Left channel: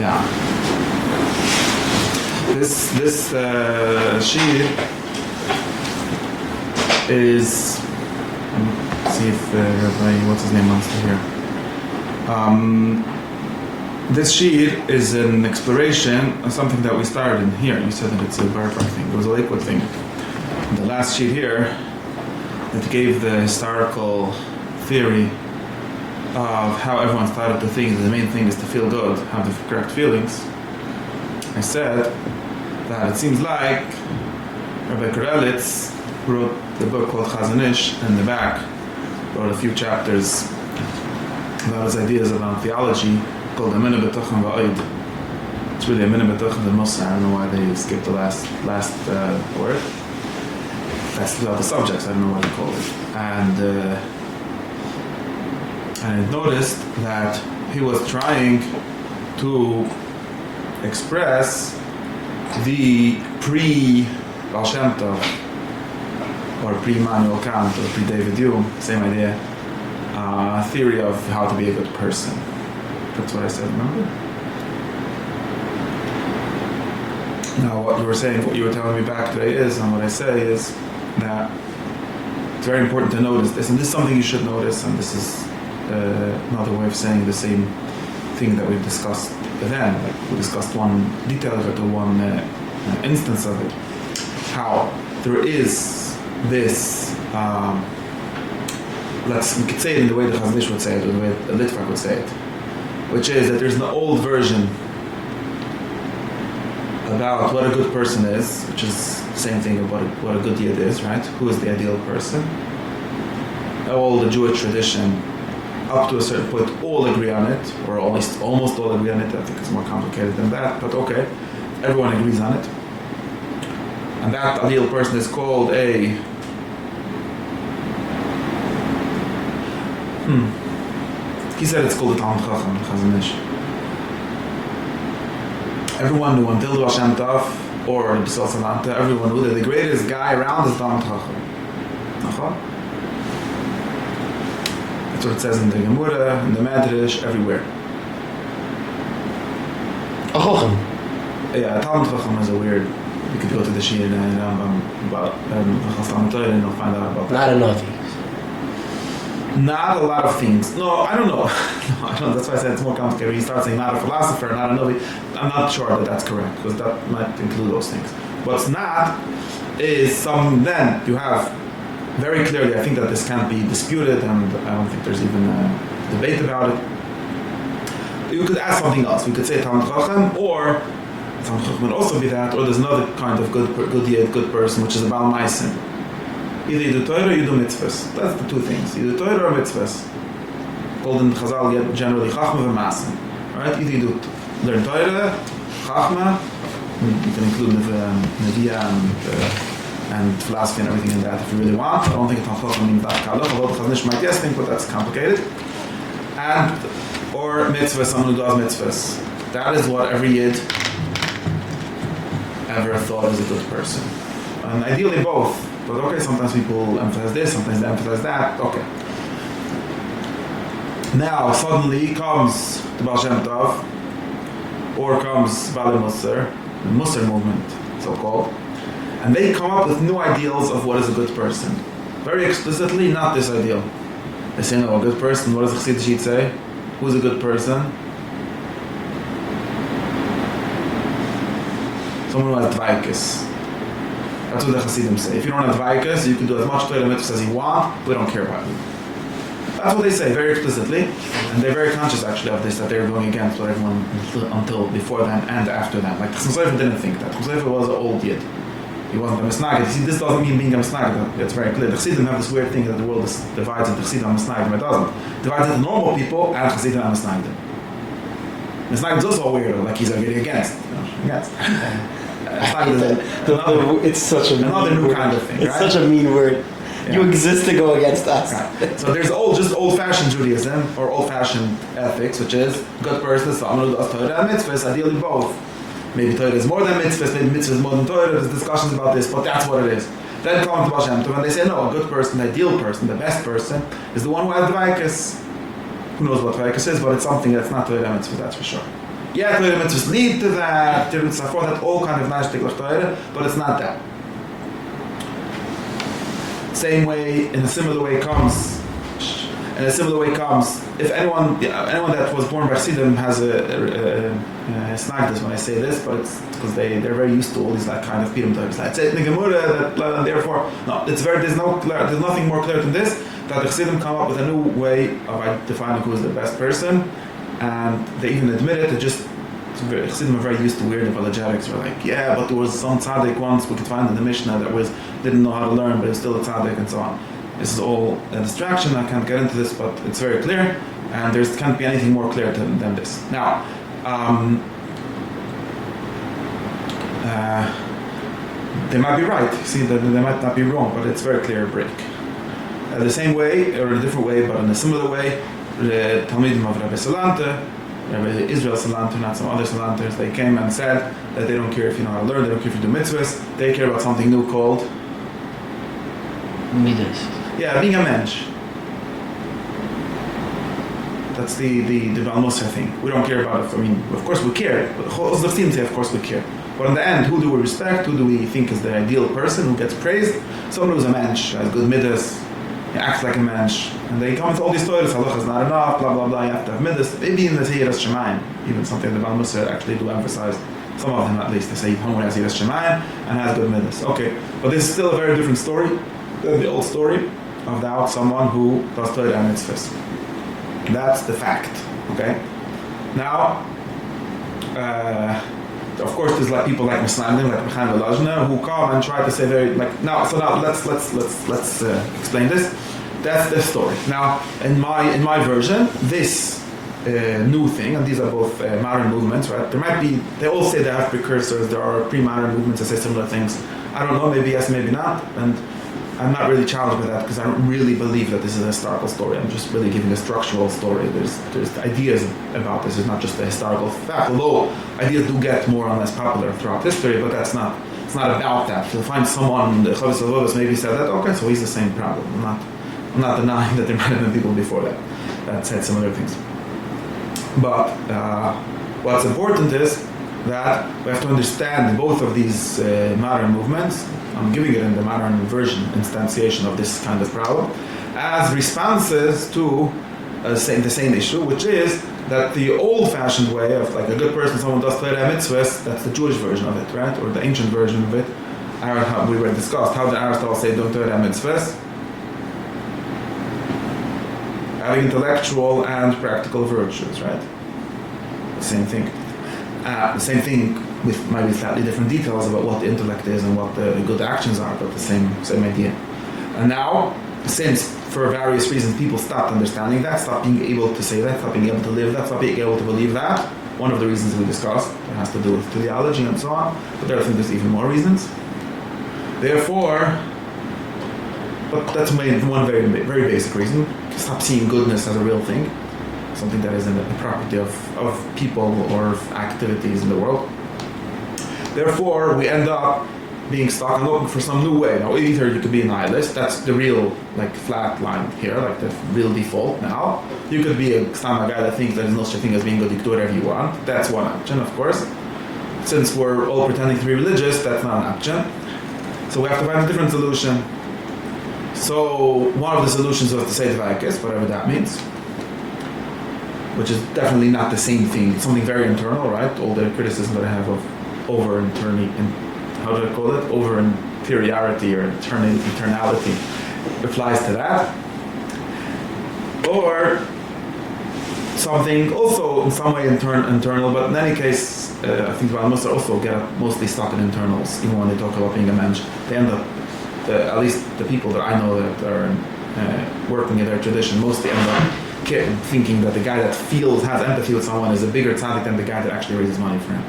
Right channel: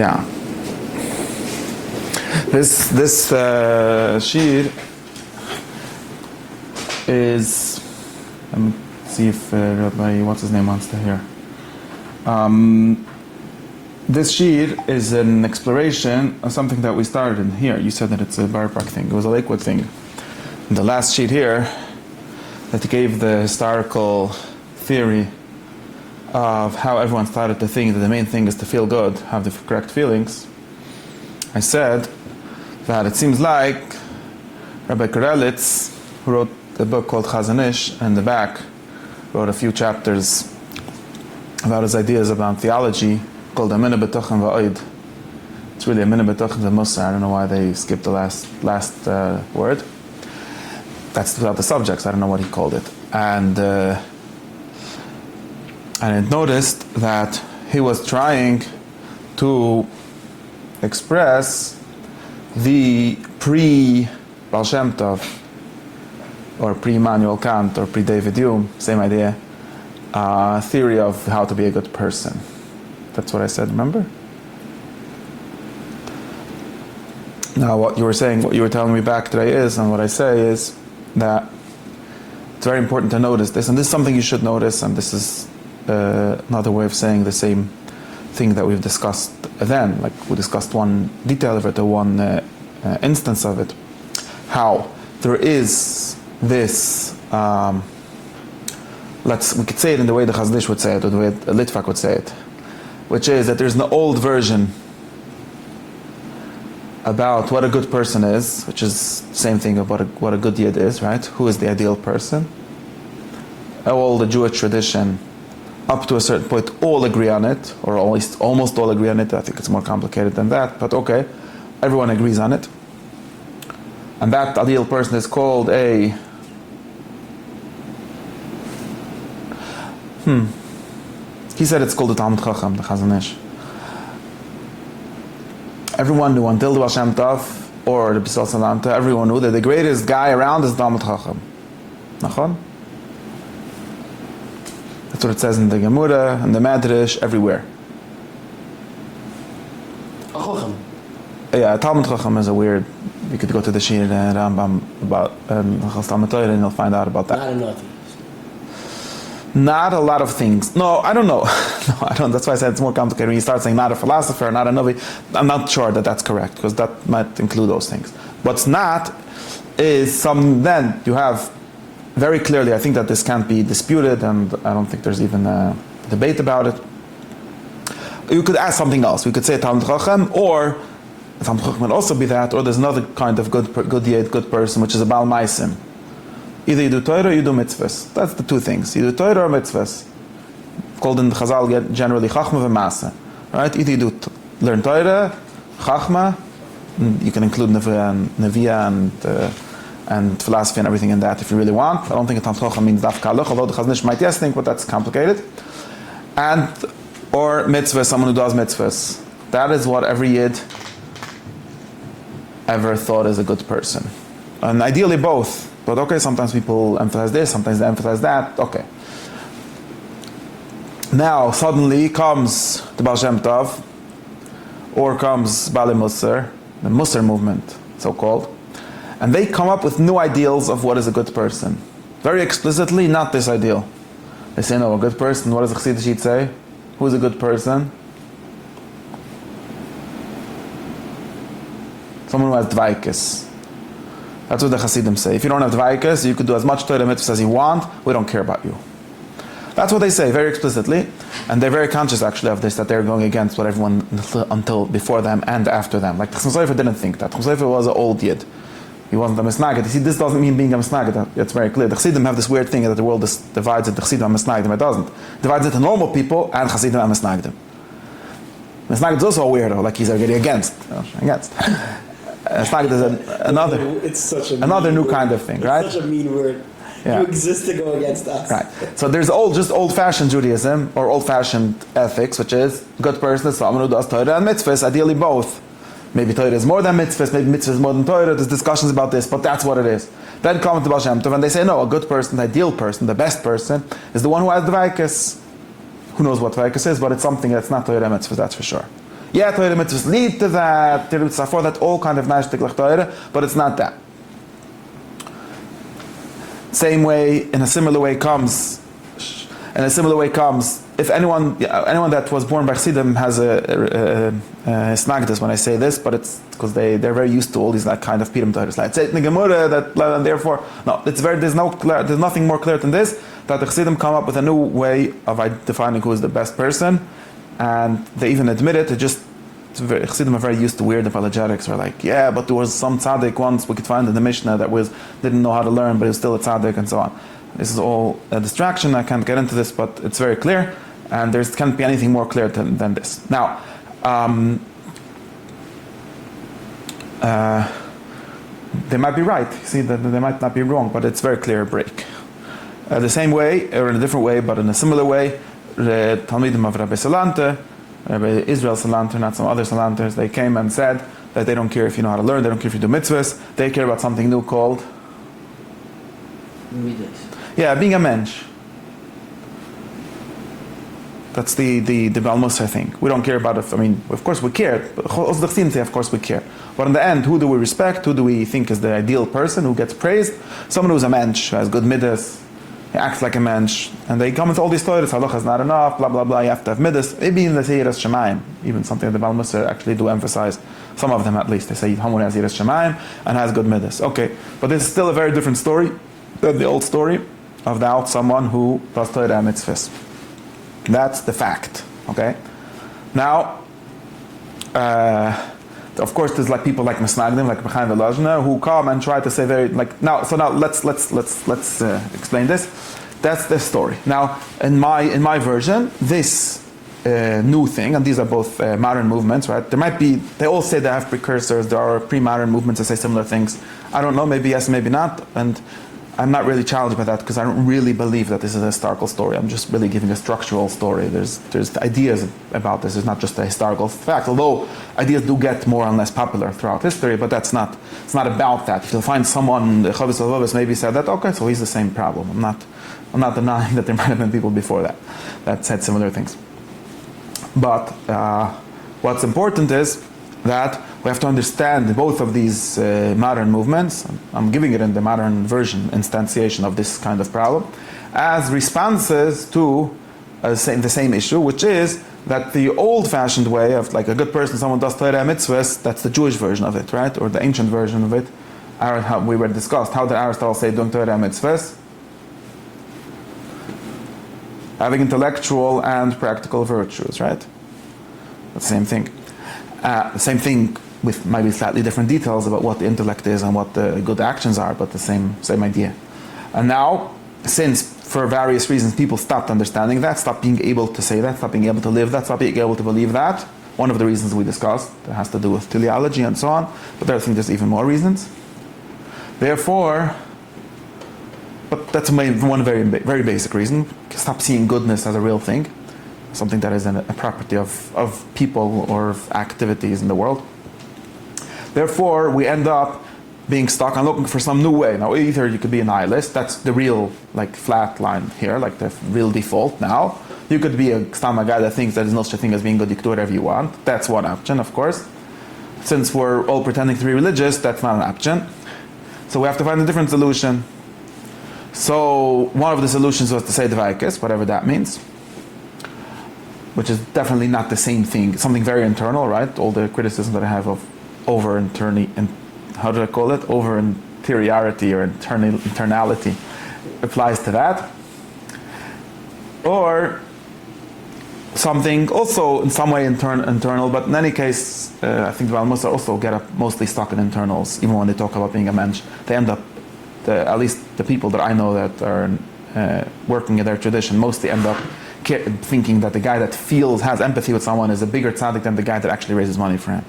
Yeah. This sheet is. Let me see if Rabbi, what's his name, wants to hear. This sheet is an exploration of something that we started in here. You said that it's a bar park thing. It was a Lakewood thing. And the last sheet here that gave the historical theory of how everyone started to think that the main thing is to feel good, have the correct feelings. I said that it seems like Rabbi Karelitz, who wrote a book called Chazon Ish, and in the back wrote a few chapters about his ideas about theology called Amina B'Tachim Va'oid. It's really Amina B'Tachim the Mussar. I don't know why they skipped the last word. That's about the subjects. I don't know what he called it. And I noticed that he was trying to express the pre-Baal Shem Tov or pre-Immanuel Kant or pre-David Hume, same idea, theory of how to be a good person. That's what I said, remember? Now what you were saying, what you were telling me back today is, and what I say is that it's very important to notice this, and this is something you should notice, and this is another way of saying the same thing that we've discussed then, like we discussed one detail of it, or one instance of it, how there is this, we could say it in the way the Chazon Ish would say it, or the way a Litvak would say it, which is that there's an old version about what a good person is, which is the same thing about what a good yid is, right? Who is the ideal person? All the Jewish tradition, up to a certain point, all agree on it, or almost all agree on it. I think it's more complicated than that, but okay, everyone agrees on it. And that ideal person is called a He said it's called the Talmid Chacham, the Chazon Ish. Everyone knew until the Baal Shem Tov or the B'Sal Salanta, everyone knew that the greatest guy around is Talmid Chacham. Nachon? That's what it says in the Gemara, in the medrash, everywhere. A Chacham? Yeah, Talmid Chacham is a weird. You could go to the Shir and Rambam about Talmid Torah and you'll find out about that. Not a Navi. Not a lot of things. No, I don't know. No, I don't. That's why I said it's more complicated. When you start saying not a philosopher, not a Navi, I'm not sure that that's correct, because that might include those things. What's not is then you have very clearly, I think that this can't be disputed, and I don't think there's even a debate about it. You could ask something else. We could say Talmid Chacham, or Talmid Chacham would also be that, or there's another kind of good yid, good person, which is a Baal Maisim. Either you do Torah or you do mitzvahs. That's the two things. You do Torah or mitzvahs. Called in Chazal generally Chachma v'Masa. Right? Either you do learn Torah, Chachma, you can include Neviah and philosophy and everything in that if you really want. I don't think Talmid Chacham means that halacha, although the Chazon Ish might think, but that's complicated. Or mitzvahs, someone who does mitzvahs. That is what every yid ever thought is a good person. And ideally both. But okay, sometimes people emphasize this, sometimes they emphasize that. Okay. Now, suddenly comes the Baal Shem Tov, or comes Bali Mussar, the Mussar movement, so-called, and they come up with new ideals of what is a good person. Very explicitly, not this ideal. They say, no, a good person, what does the Chassidus say? Who is a good person? Someone who has dveykus. That's what the Chassidim say. If you don't have dveykus, you can do as much Torah mitzvahs as you want, we don't care about you. That's what they say very explicitly, and they're very conscious actually of this, that they're going against what everyone until before them and after them. Like Chassidus didn't think that. Chassidus was an old yid. He wasn't a misnagid. See, this doesn't mean being a misnagid. That's very clear. The Chassidim have this weird thing that the world divides into Chassidim and misnagdim. It doesn't. It divides into normal people and Chassidim and misnagdim. Misnagid is also a weirdo, like he's already against. Against. It's another new kind of thing, right? It's such a mean word. Yeah. You exist to go against us. Right. So there's old-fashioned Judaism or old-fashioned ethics, which is good person, someone who does Torah and mitzvahs, ideally both. Maybe Torah is more than mitzvahs, maybe mitzvahs is more than Torah. There's discussions about this, but that's what it is. Then come to Baal Shem Tov and they say, no, a good person, the ideal person, the best person is the one who has dveykus. Who knows what dveykus is, but it's something that's not Torah and mitzvahs, that's for sure. Yeah, Torah mitzvahs lead to that, for that all kind of nashtik Torah, but it's not that. Same way, in a similar way comes, if anyone that was born by Chassidim has a snagdus when I say this, but it's because they're very used to all these like kind of pidum types. Like say the Gemara that, and therefore no, there's nothing more clear than this, that the Chassidim come up with a new way of defining who is the best person, and they even admit it. Chassidim are very used to weird apologetics. They're like, yeah, but there was some tzaddik once we could find in the Mishnah that didn't know how to learn, but he was still a tzaddik, and so on. This is all a distraction. I can't get into this, but it's very clear, and there can't be anything more clear than this. Now, they might be right. See, they might not be wrong, but it's very clear break. The same way, or in a different way, but in a similar way, the Talmidim of Rabbi Salante, Rabbi Israel Salanter, not some other Salanters, they came and said that they don't care if you know how to learn, they don't care if you do mitzvahs, they care about something new called middos. Yeah, being a mensch. That's the Mussar thing. We don't care about it. I mean, of course we care. Of course we care. But in the end, who do we respect? Who do we think is the ideal person who gets praised? Someone who's a mensch, has good middos, he acts like a mensch. And they come with all these stories, halacha is not enough, blah, blah, blah, you have to have middos. Maybe in the Yiras Shamayim, even something the Mussar actually do emphasize. Some of them at least, they say, someone has Yiras Shamayim and has good middos. Okay, but this is still a very different story than the old story of now someone who does Torah and mitzvahs. That's the fact. Okay. Now, of course, there's like people like Misnagdim, like Mechaim Velazhna, who come and try to say very like now. So now let's explain this. That's the story. Now, in my version, this new thing, and these are both modern movements, right? There might be. They all say they have precursors. There are pre-modern movements that say similar things. I don't know. Maybe yes, maybe not. And I'm not really challenged by that because I don't really believe that this is a historical story. I'm just really giving a structural story. There's ideas about this. It's not just a historical fact. Although ideas do get more and less popular throughout history, but it's not about that. You'll find someone, the Chavis Avodas maybe said that. Okay, so he's the same problem. I'm not denying that there might have been people before that said similar things. But what's important is that we have to understand both of these modern movements. I'm giving it in the modern version, instantiation of this kind of problem, as responses to the same issue, which is that the old-fashioned way of like a good person, someone does Torah mitzvahs, that's the Jewish version of it, right? Or the ancient version of it. How we were discussed. How did Aristotle say doing Torah mitzvahs? Having intellectual and practical virtues, right? The same thing. Same thing with maybe slightly different details about what the intellect is and what the good actions are, but the same idea. And now, since for various reasons people stopped understanding that, stopped being able to say that, stopped being able to live that, stopped being able to believe that, one of the reasons we discussed, it has to do with teleology and so on, but I think there's even more reasons. Therefore, but that's one very, very basic reason, stop seeing goodness as a real thing, something that is a property of people or of activities in the world. Therefore, we end up being stuck and looking for some new way. Now, either you could be a nihilist, that's the real like flat line here, like the real default now. You could be a guy that thinks that there's no such thing as being good, you can do whatever you want. That's one option, of course. Since we're all pretending to be religious, that's not an option. So we have to find a different solution. So one of the solutions was to say dveykus, whatever that means, which is definitely not the same thing. It's something very internal, right? All the criticism that I have of how do I call it? Over-interiority or internality applies to that. Or something also in some way internal, but in any case, I think Mussar also get up mostly stuck in internals, even when they talk about being a mensch. They end up, at least the people that I know that are working in their tradition, mostly end up thinking that the guy that has empathy with someone is a bigger tzaddik than the guy that actually raises money for him.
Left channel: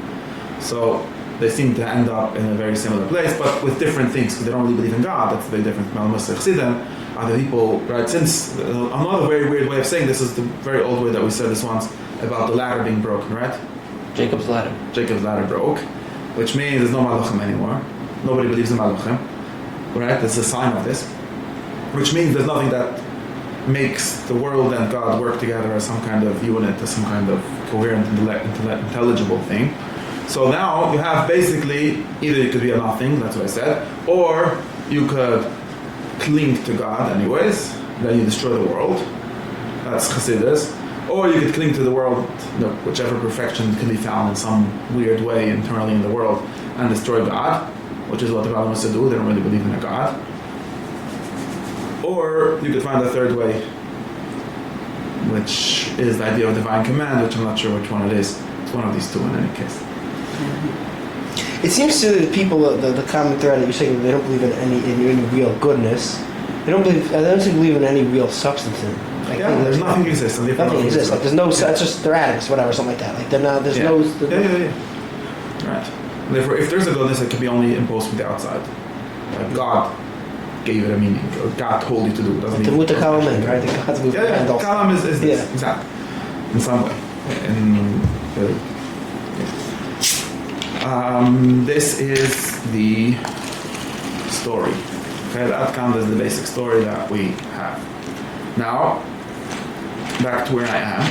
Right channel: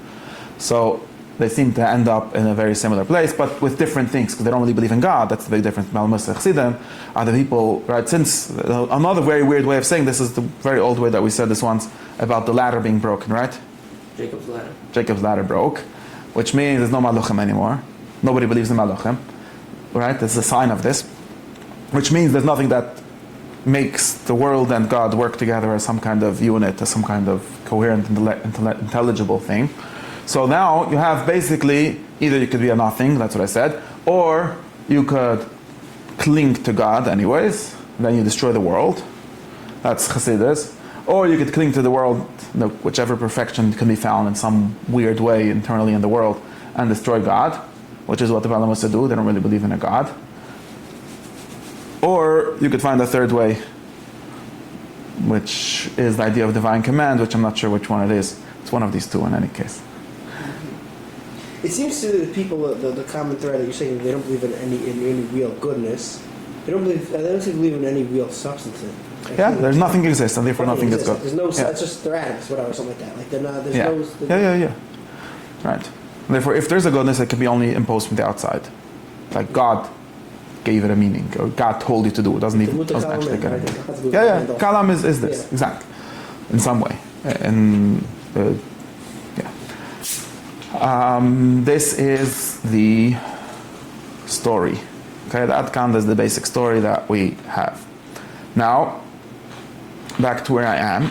So they seem to end up in a very similar place, but with different things, because they don't really believe in God. That's the big difference. Mussar Chassidim are the people, right? Since another very weird way of saying this is the very old way that we said this once about the ladder being broken, right? Jacob's ladder. Jacob's ladder broke, which means there's no maluchim anymore. Nobody believes in maluchim, right? That's a sign of this, which means there's nothing that makes the world and God work together as some kind of unit, as some kind of coherent, intelligible thing. So now you have basically, either you could be a nothing, that's what I said, or you could cling to God anyways, then you destroy the world. That's Chassidus. Or you could cling to the world, whichever perfection can be found in some weird way internally in the world, and destroy God, which is what the Balaam wants to do. They don't really believe in a God. Or you could find a third way, which is the idea of divine command, which I'm not sure which one it is. It's one of these two in any case. It seems to the people, the common thread that you're saying, they don't believe in any real goodness. They don't believe in any real substance. There's nothing exists. Nothing exists. Like there's no. It's just they're addicts, whatever, something like that. Like they're not. There's no. Right. Therefore, if there's a goodness, it can be only imposed from the outside. Like God gave it a meaning, or God told you to do it. Doesn't even. Kalam, right? Kalam is this exactly in some way. And this is the story. Okay, the outcome is the basic story that we have. Now, back to where I am.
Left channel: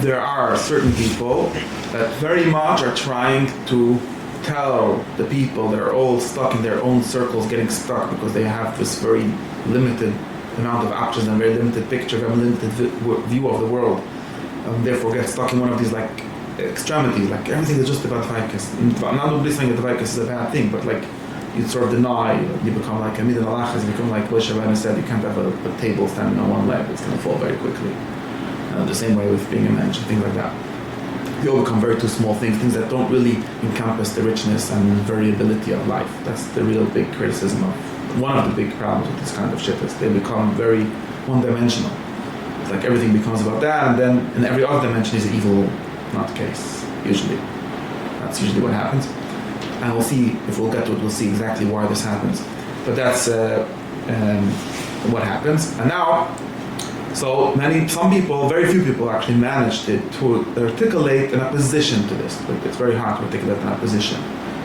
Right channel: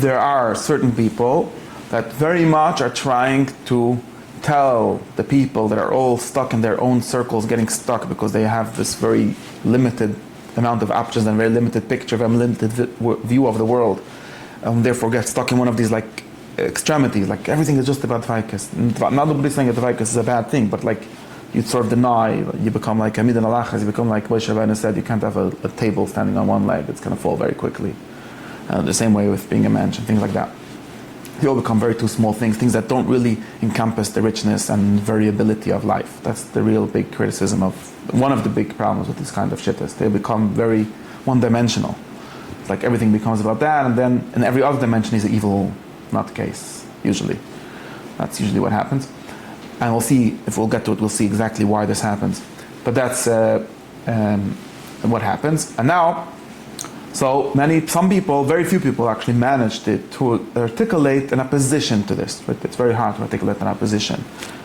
There are certain people that very much are trying to tell the people that are all stuck in their own circles, getting stuck because they have this very limited amount of options and very limited picture, very limited view of the world, and therefore get stuck in one of these like extremities, like everything is just about dveykus. I'm not saying that dveykus is a bad thing, but like you sort of deny, you become like a middos halacha, you become like Moshe Rabbeinu said, you can't have a table standing on one leg, it's going to fall very quickly. The same way with being a mensch and things like that. You all become very too small things that don't really encompass the richness and variability of life. That's the real big criticism of, one of the big problems with this kind of shit is they become very one-dimensional. It's like everything becomes about that, and then in every other dimension is evil, not the case, usually. That's usually what happens. And we'll see, if we'll get to it, we'll see exactly why this happens. But that's what happens. And now, some people, very few people actually managed to articulate an opposition to this. But it's very hard to articulate an opposition,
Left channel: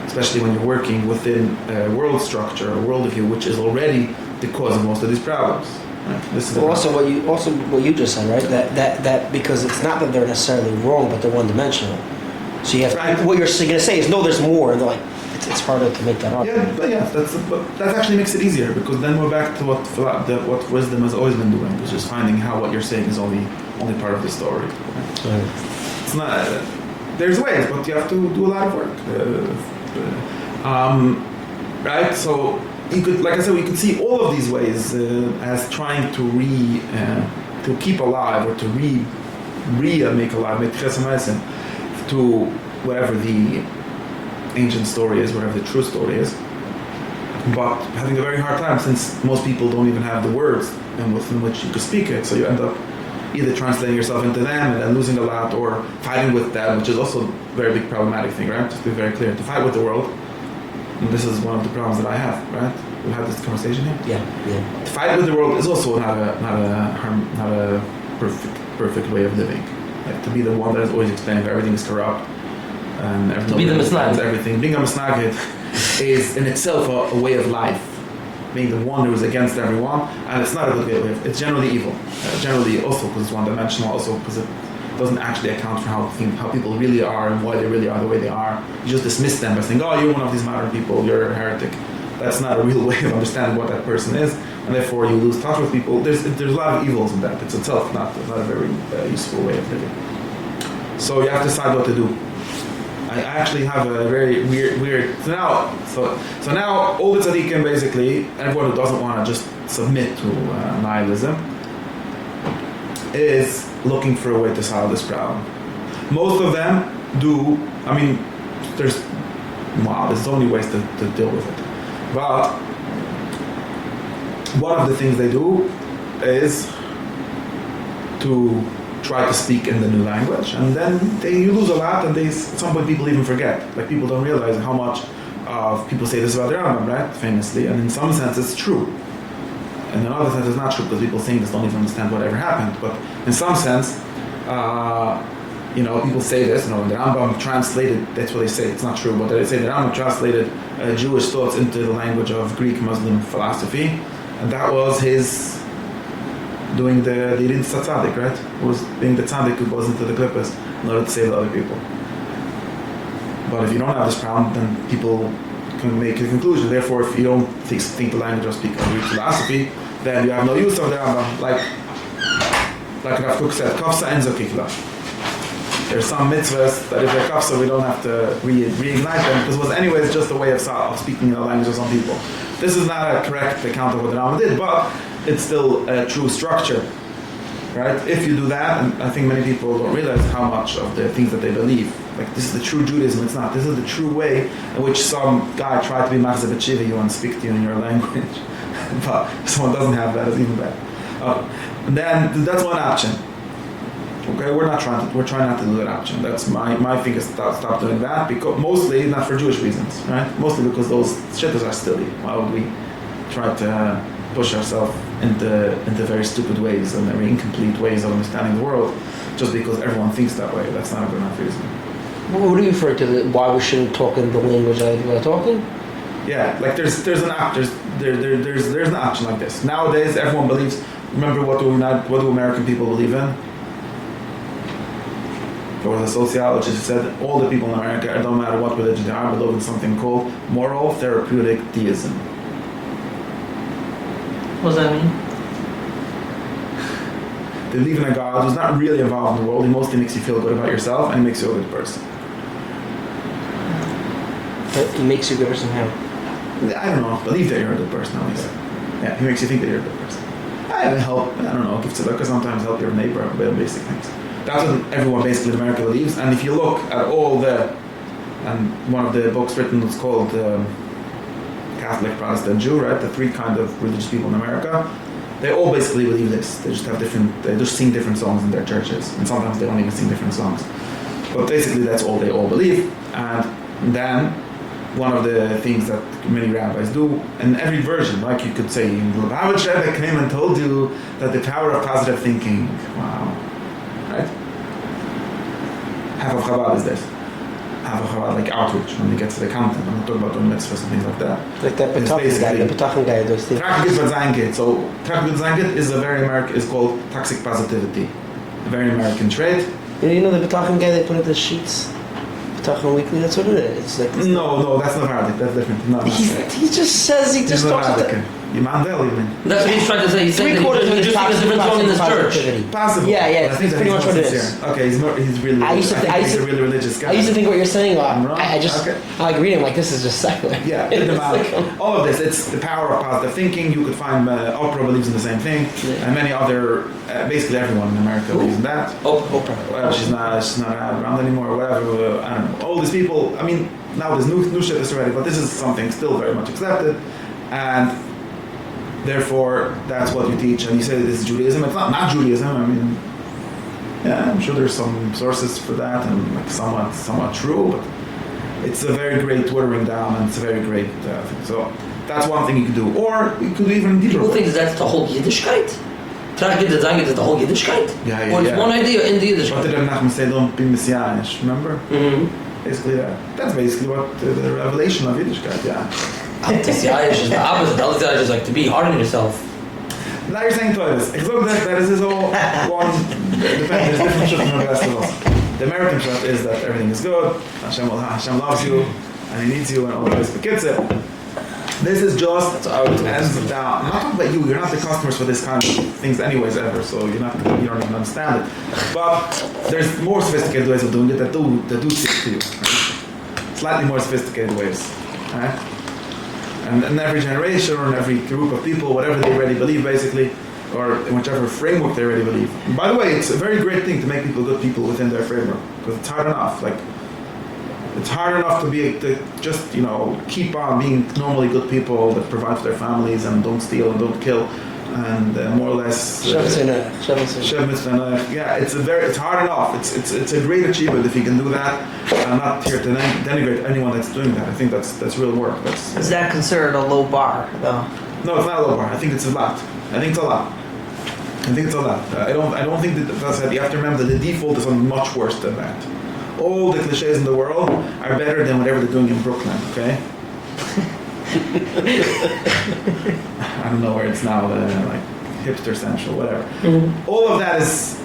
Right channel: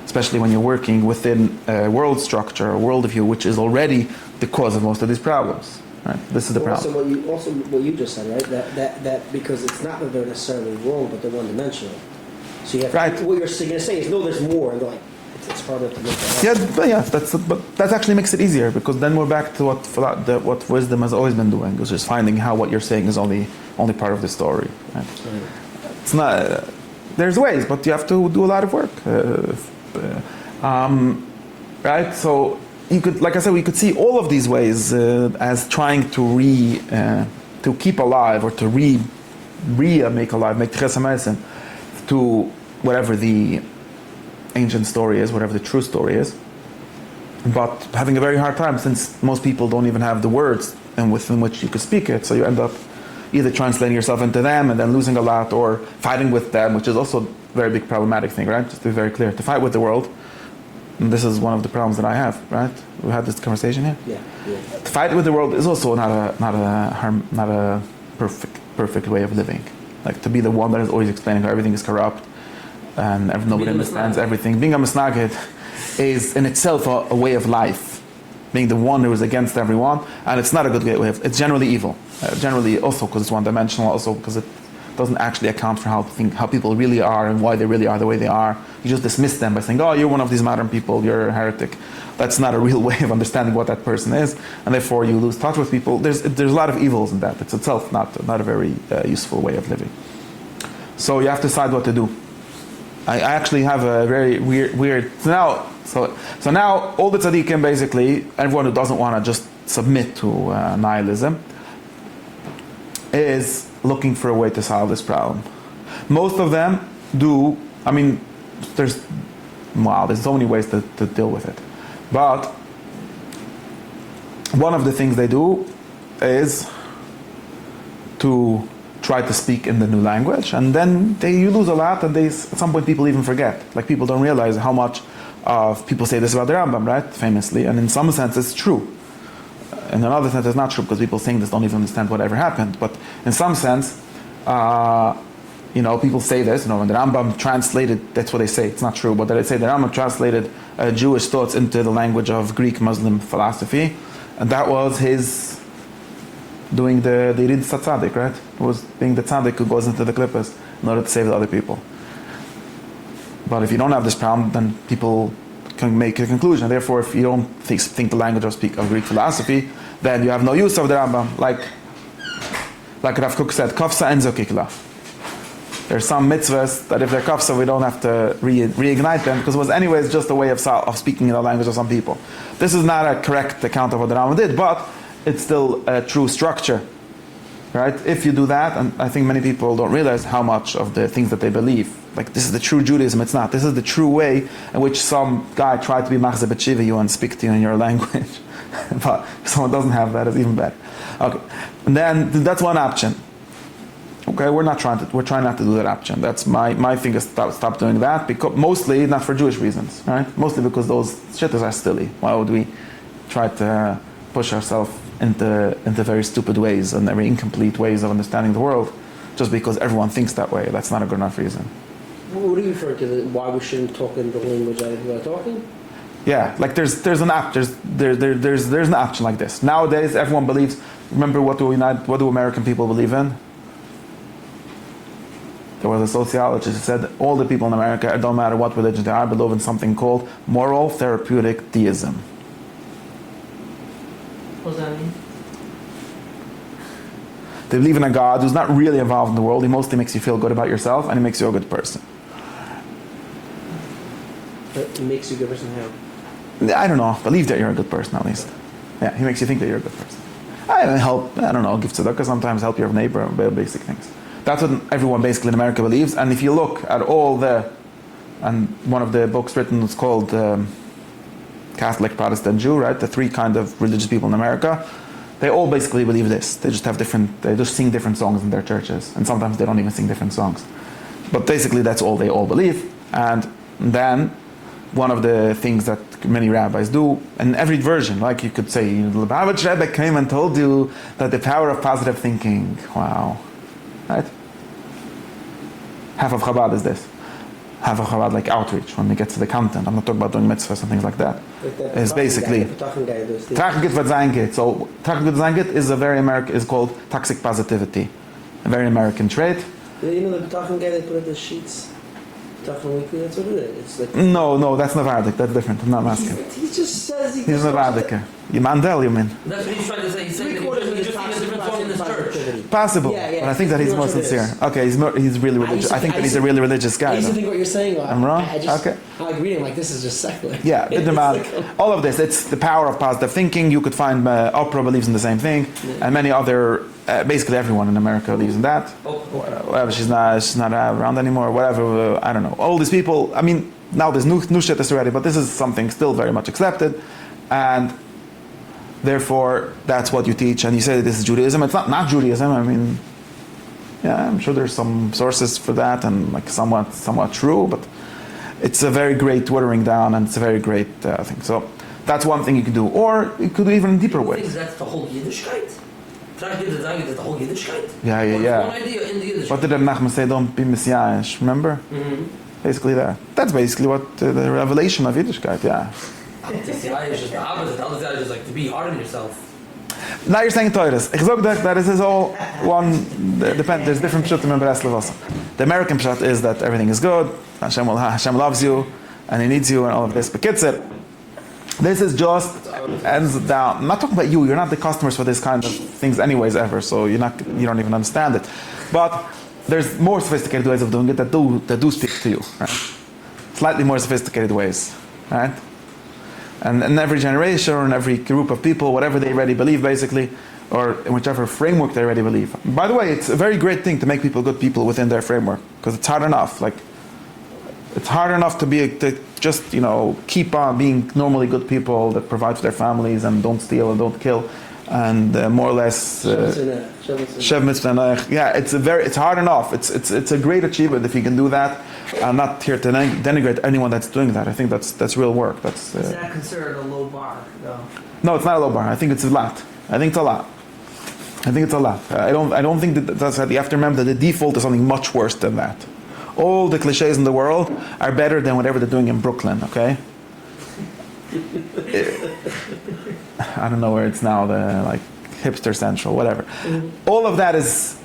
especially when you're working within a world structure, a worldview, which is already the cause of most of these problems. Right? This is the problem. What you just said, right? That because it's not that they're necessarily wrong, but they're one-dimensional. So you have what you're going to say is no, there's more. And they're like, it's harder to make that up. But that actually makes it easier, because then we're back to what wisdom has always been doing, which is finding how what you're saying is only part of the story. Right? It's not. There's ways, but you have to do a lot of work. Right? So you could, like I said, we could see all of these ways as trying to keep alive, or to make alive, make chesed to whatever the ancient story is, whatever the true story is, but having a very hard time, since most people don't even have the words and within which you could speak it, so you end up either translating yourself into them and then losing a lot, or fighting with them, which is also a very big problematic thing, right? Just to be very clear, to fight with the world, and this is one of the problems that I have, right? We had this conversation here. Yeah. To fight with the world is also not a perfect way of living. Like to be the one that is always explaining everything is corrupt and nobody understands everything. Being a misnagid is in itself a way of life. Being the one who is against everyone, and it's not a good way of life. It's generally evil. Generally also because it's one-dimensional, also because it doesn't actually account for how people really are and why they really are the way they are. You just dismiss them by saying, oh, you're one of these modern people, you're a heretic. That's not a real way of understanding what that person is, and therefore you lose touch with people. There's a lot of evils in that. It's itself not a very useful way of living. So you have to decide what to do. I actually have a very weird. So now all the tzaddikim, basically, everyone who doesn't want to just submit to nihilism, is looking for a way to solve this problem. Most of them do. I mean, there's so many ways to deal with it. But one of the things they do is to try to speak in the new language, and then you lose a lot, and at some point people even forget. Like people don't realize how much of people say this about the Rambam, right? Famously, and in some sense it's true. In another sense it's not true, because people saying this don't even understand whatever happened. But in some sense, people say this, when the Rambam translated, that's what they say, it's not true, but they say the Rambam translated Jewish thoughts into the language of Greek Muslim philosophy, and that was his doing the Yidid Tzaddik, right? It was being the tzaddik who goes into the klippas in order to save the other people. But if you don't have this problem, then people can make a conclusion. Therefore, if you don't think the language or speak or Greek philosophy, then you have no use of the Rambam. Like Rav Kook said, kafsa enzo kikla. There's some mitzvahs that if they're kafsa, we don't have to reignite them, because it was anyways just a way of speaking in the language of some people. This is not a correct account of what the Rambam did, but it's still a true structure, right? If you do that, and I think many people don't realize how much of the things that they believe, like this is the true Judaism, it's not. This is the true way in which some guy tried to be machzeh b'tshiva you and speak to you in your language. But if someone doesn't have that, it's even better. Okay, and then that's one option. Okay, we're trying not to do that option. That's my thing is stop doing that, because mostly not for Jewish reasons, right? Mostly because those shittas are silly. Why would we try to push ourselves into very stupid ways and very incomplete ways of understanding the world, just because everyone thinks that way? That's not a good enough reason. What do you refer to? Why we shouldn't talk in the language that we're talking? Yeah, like there's an option like this. Nowadays, everyone believes. Remember what do American people believe in? There was a sociologist who said all the people in America, it don't matter what religion they are, believe in something called moral therapeutic deism. What does that mean? They believe in a God who's not really involved in the world. He mostly makes you feel good about yourself, and he makes you a good person. But he makes you a good person how? I don't know. Believe that you're a good person, at least. Yeah, he makes you think that you're a good person. I don't know, give tzedakah, sometimes help your neighbor, basic things. That's what everyone basically in America believes. And if you look at and one of the books written is called Catholic, Protestant, Jew, right? The three kind of religious people in America. They all basically believe this. They just sing different songs in their churches. And sometimes they don't even sing different songs. But basically that's all they all believe. And then one of the things that many rabbis do, in every version, like you could say, Lubavitch Rebbe came and told you that the power of positive thinking, wow, right? Half of Chabad is this. Half of Chabad, like outreach, when they get to the content. I'm not talking about doing mitzvahs and things like that. Like that it's basically the Petachim guy, those things. Trachgit V'Zayingit. So Trachgit V'Zayingit is a very American, is called toxic positivity. A very American trait. You know the Petachim guy they put at the sheets? Petachim Weekly, that's what it is. It's like no, that's not Arabic, that's different. No, that's right. He just says, He's not Arabic. You Mandel, you mean? That's what he's trying to say. He's saying that he just sings a different song in this church. Possible. Yeah. I think that he's more sincere. Okay, he's really religious. I think he's a really religious guy. I used to think what you're saying. I'm wrong? I like reading like this is just secular. Yeah, all of this. It's the power of positive thinking. You could find Oprah believes in the same thing, and many other. Basically, everyone in America believes in that. Oprah. Well, she's not around anymore. Whatever. I don't know. All these people. I mean, now there's new shit that's already, but this is something still very much accepted, and therefore that's what you teach. And you say this is Judaism. It's not Judaism. I mean, yeah, I'm sure there's some sources for that, and like somewhat true, but it's a very great watering down, and it's a very great thing. So that's one thing you could do, or you could do even deeper. People think that's the whole Yiddishkeit. Trachgit V'Zayingit is the whole Yiddishkeit. Yeah. It's one idea in the Yiddishkeit. What did Nachman say? Don't be messianish. Remember? Mm-hmm. Basically that. That's basically what the revelation of Yiddishkeit. Yeah. Anti-Zionish is the opposite. Anti-Zionish is like to be hard on yourself. Now you're saying Torahs. Ich sage that is all one. Depends. There's different shit from the rest of us. The American shot is that everything is good. Hashem loves you, and He needs you, and all of this. But kitzur, this is just ends down. I'm not talking about you. You're not the customers for this kind of things, anyways, ever. So you don't even understand it. But there's more sophisticated ways of doing it that do stick to you. Right? Slightly more sophisticated ways, right? And in every generation or in every group of people, whatever they already believe, basically, or in whichever framework they already believe. And by the way, it's a very great thing to make people good people within their framework, because it's hard enough. Like, it's hard enough to just keep on being normally good people that provide for their families and don't steal and don't kill, and more or less. Shev mitzvah. Yeah, it's hard enough. It's a great achievement if you can do that. I'm not here to denigrate anyone that's doing that. I think that's real work. Is that considered a low bar, though? No, it's not a low bar. I think it's a lot. I think it's a lot. I don't think that's that. You have to remember that the default is something much worse than that. All the cliches in the world are better than whatever they're doing in Brooklyn. Okay. I don't know where it's now. hipster central, whatever. All of that is,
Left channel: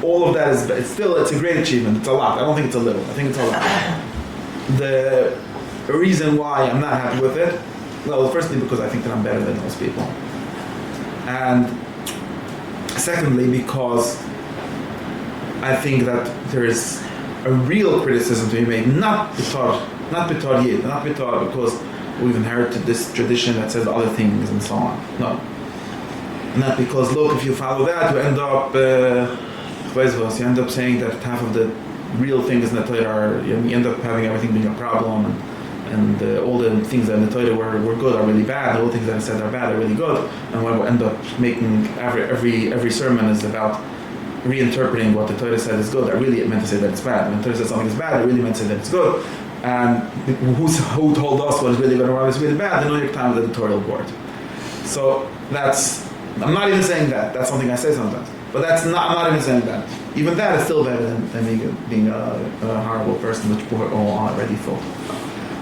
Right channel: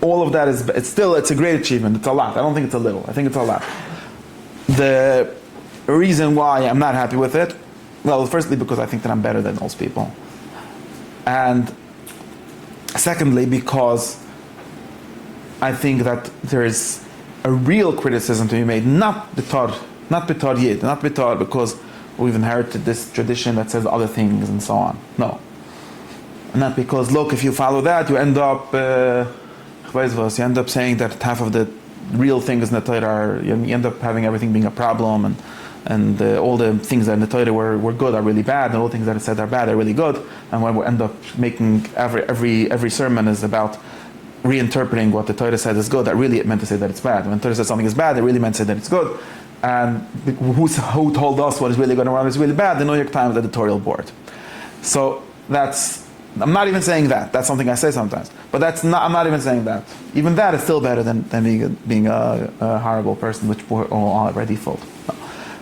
it's a great achievement. It's a lot. I don't think it's a little. I think it's a lot. The reason why I'm not happy with it, well, firstly, because I think that I'm better than most people. And secondly, because I think that there is a real criticism to be made, not because we've inherited this tradition that says other things and so on. No. Not because, look, if you follow that, you end up saying that half of the real things in the Torah are, you end up having everything being a problem, and all the things that in the Torah were good are really bad, and all the things that I said are bad are really good, and when we end up making every sermon is about reinterpreting what the Torah says is good, that really it meant to say that it's bad. When the Torah says something is bad, it really meant to say that it's good. And who told us what is really good and what is really bad? The New York Times editorial board. So I'm not even saying that. That's something I say sometimes. But I'm not even saying that. Even that is still better than being a horrible person, which we're all already full.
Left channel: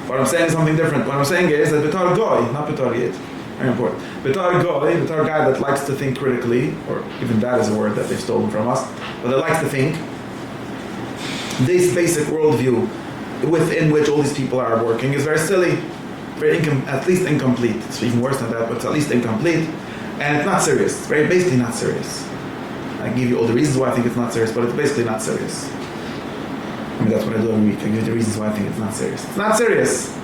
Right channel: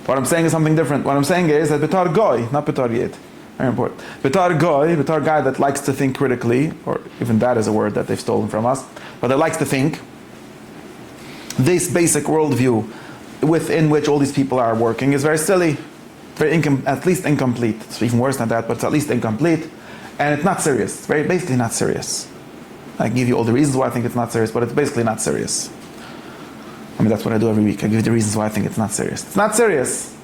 What I'm saying is something different. What I'm saying is that Betar Goy, not Betar Yid. Very important. Betar Goy, Betar guy that likes to think critically, or even that is a word that they've stolen from us, but that likes to think, this basic worldview within which all these people are working is very silly, at least incomplete. It's even worse than that, but it's at least incomplete. And it's not serious. It's basically not serious. I give you all the reasons why I think it's not serious, but it's basically not serious. I mean, that's what I do every week. I give you the reasons why I think it's not serious. It's not serious.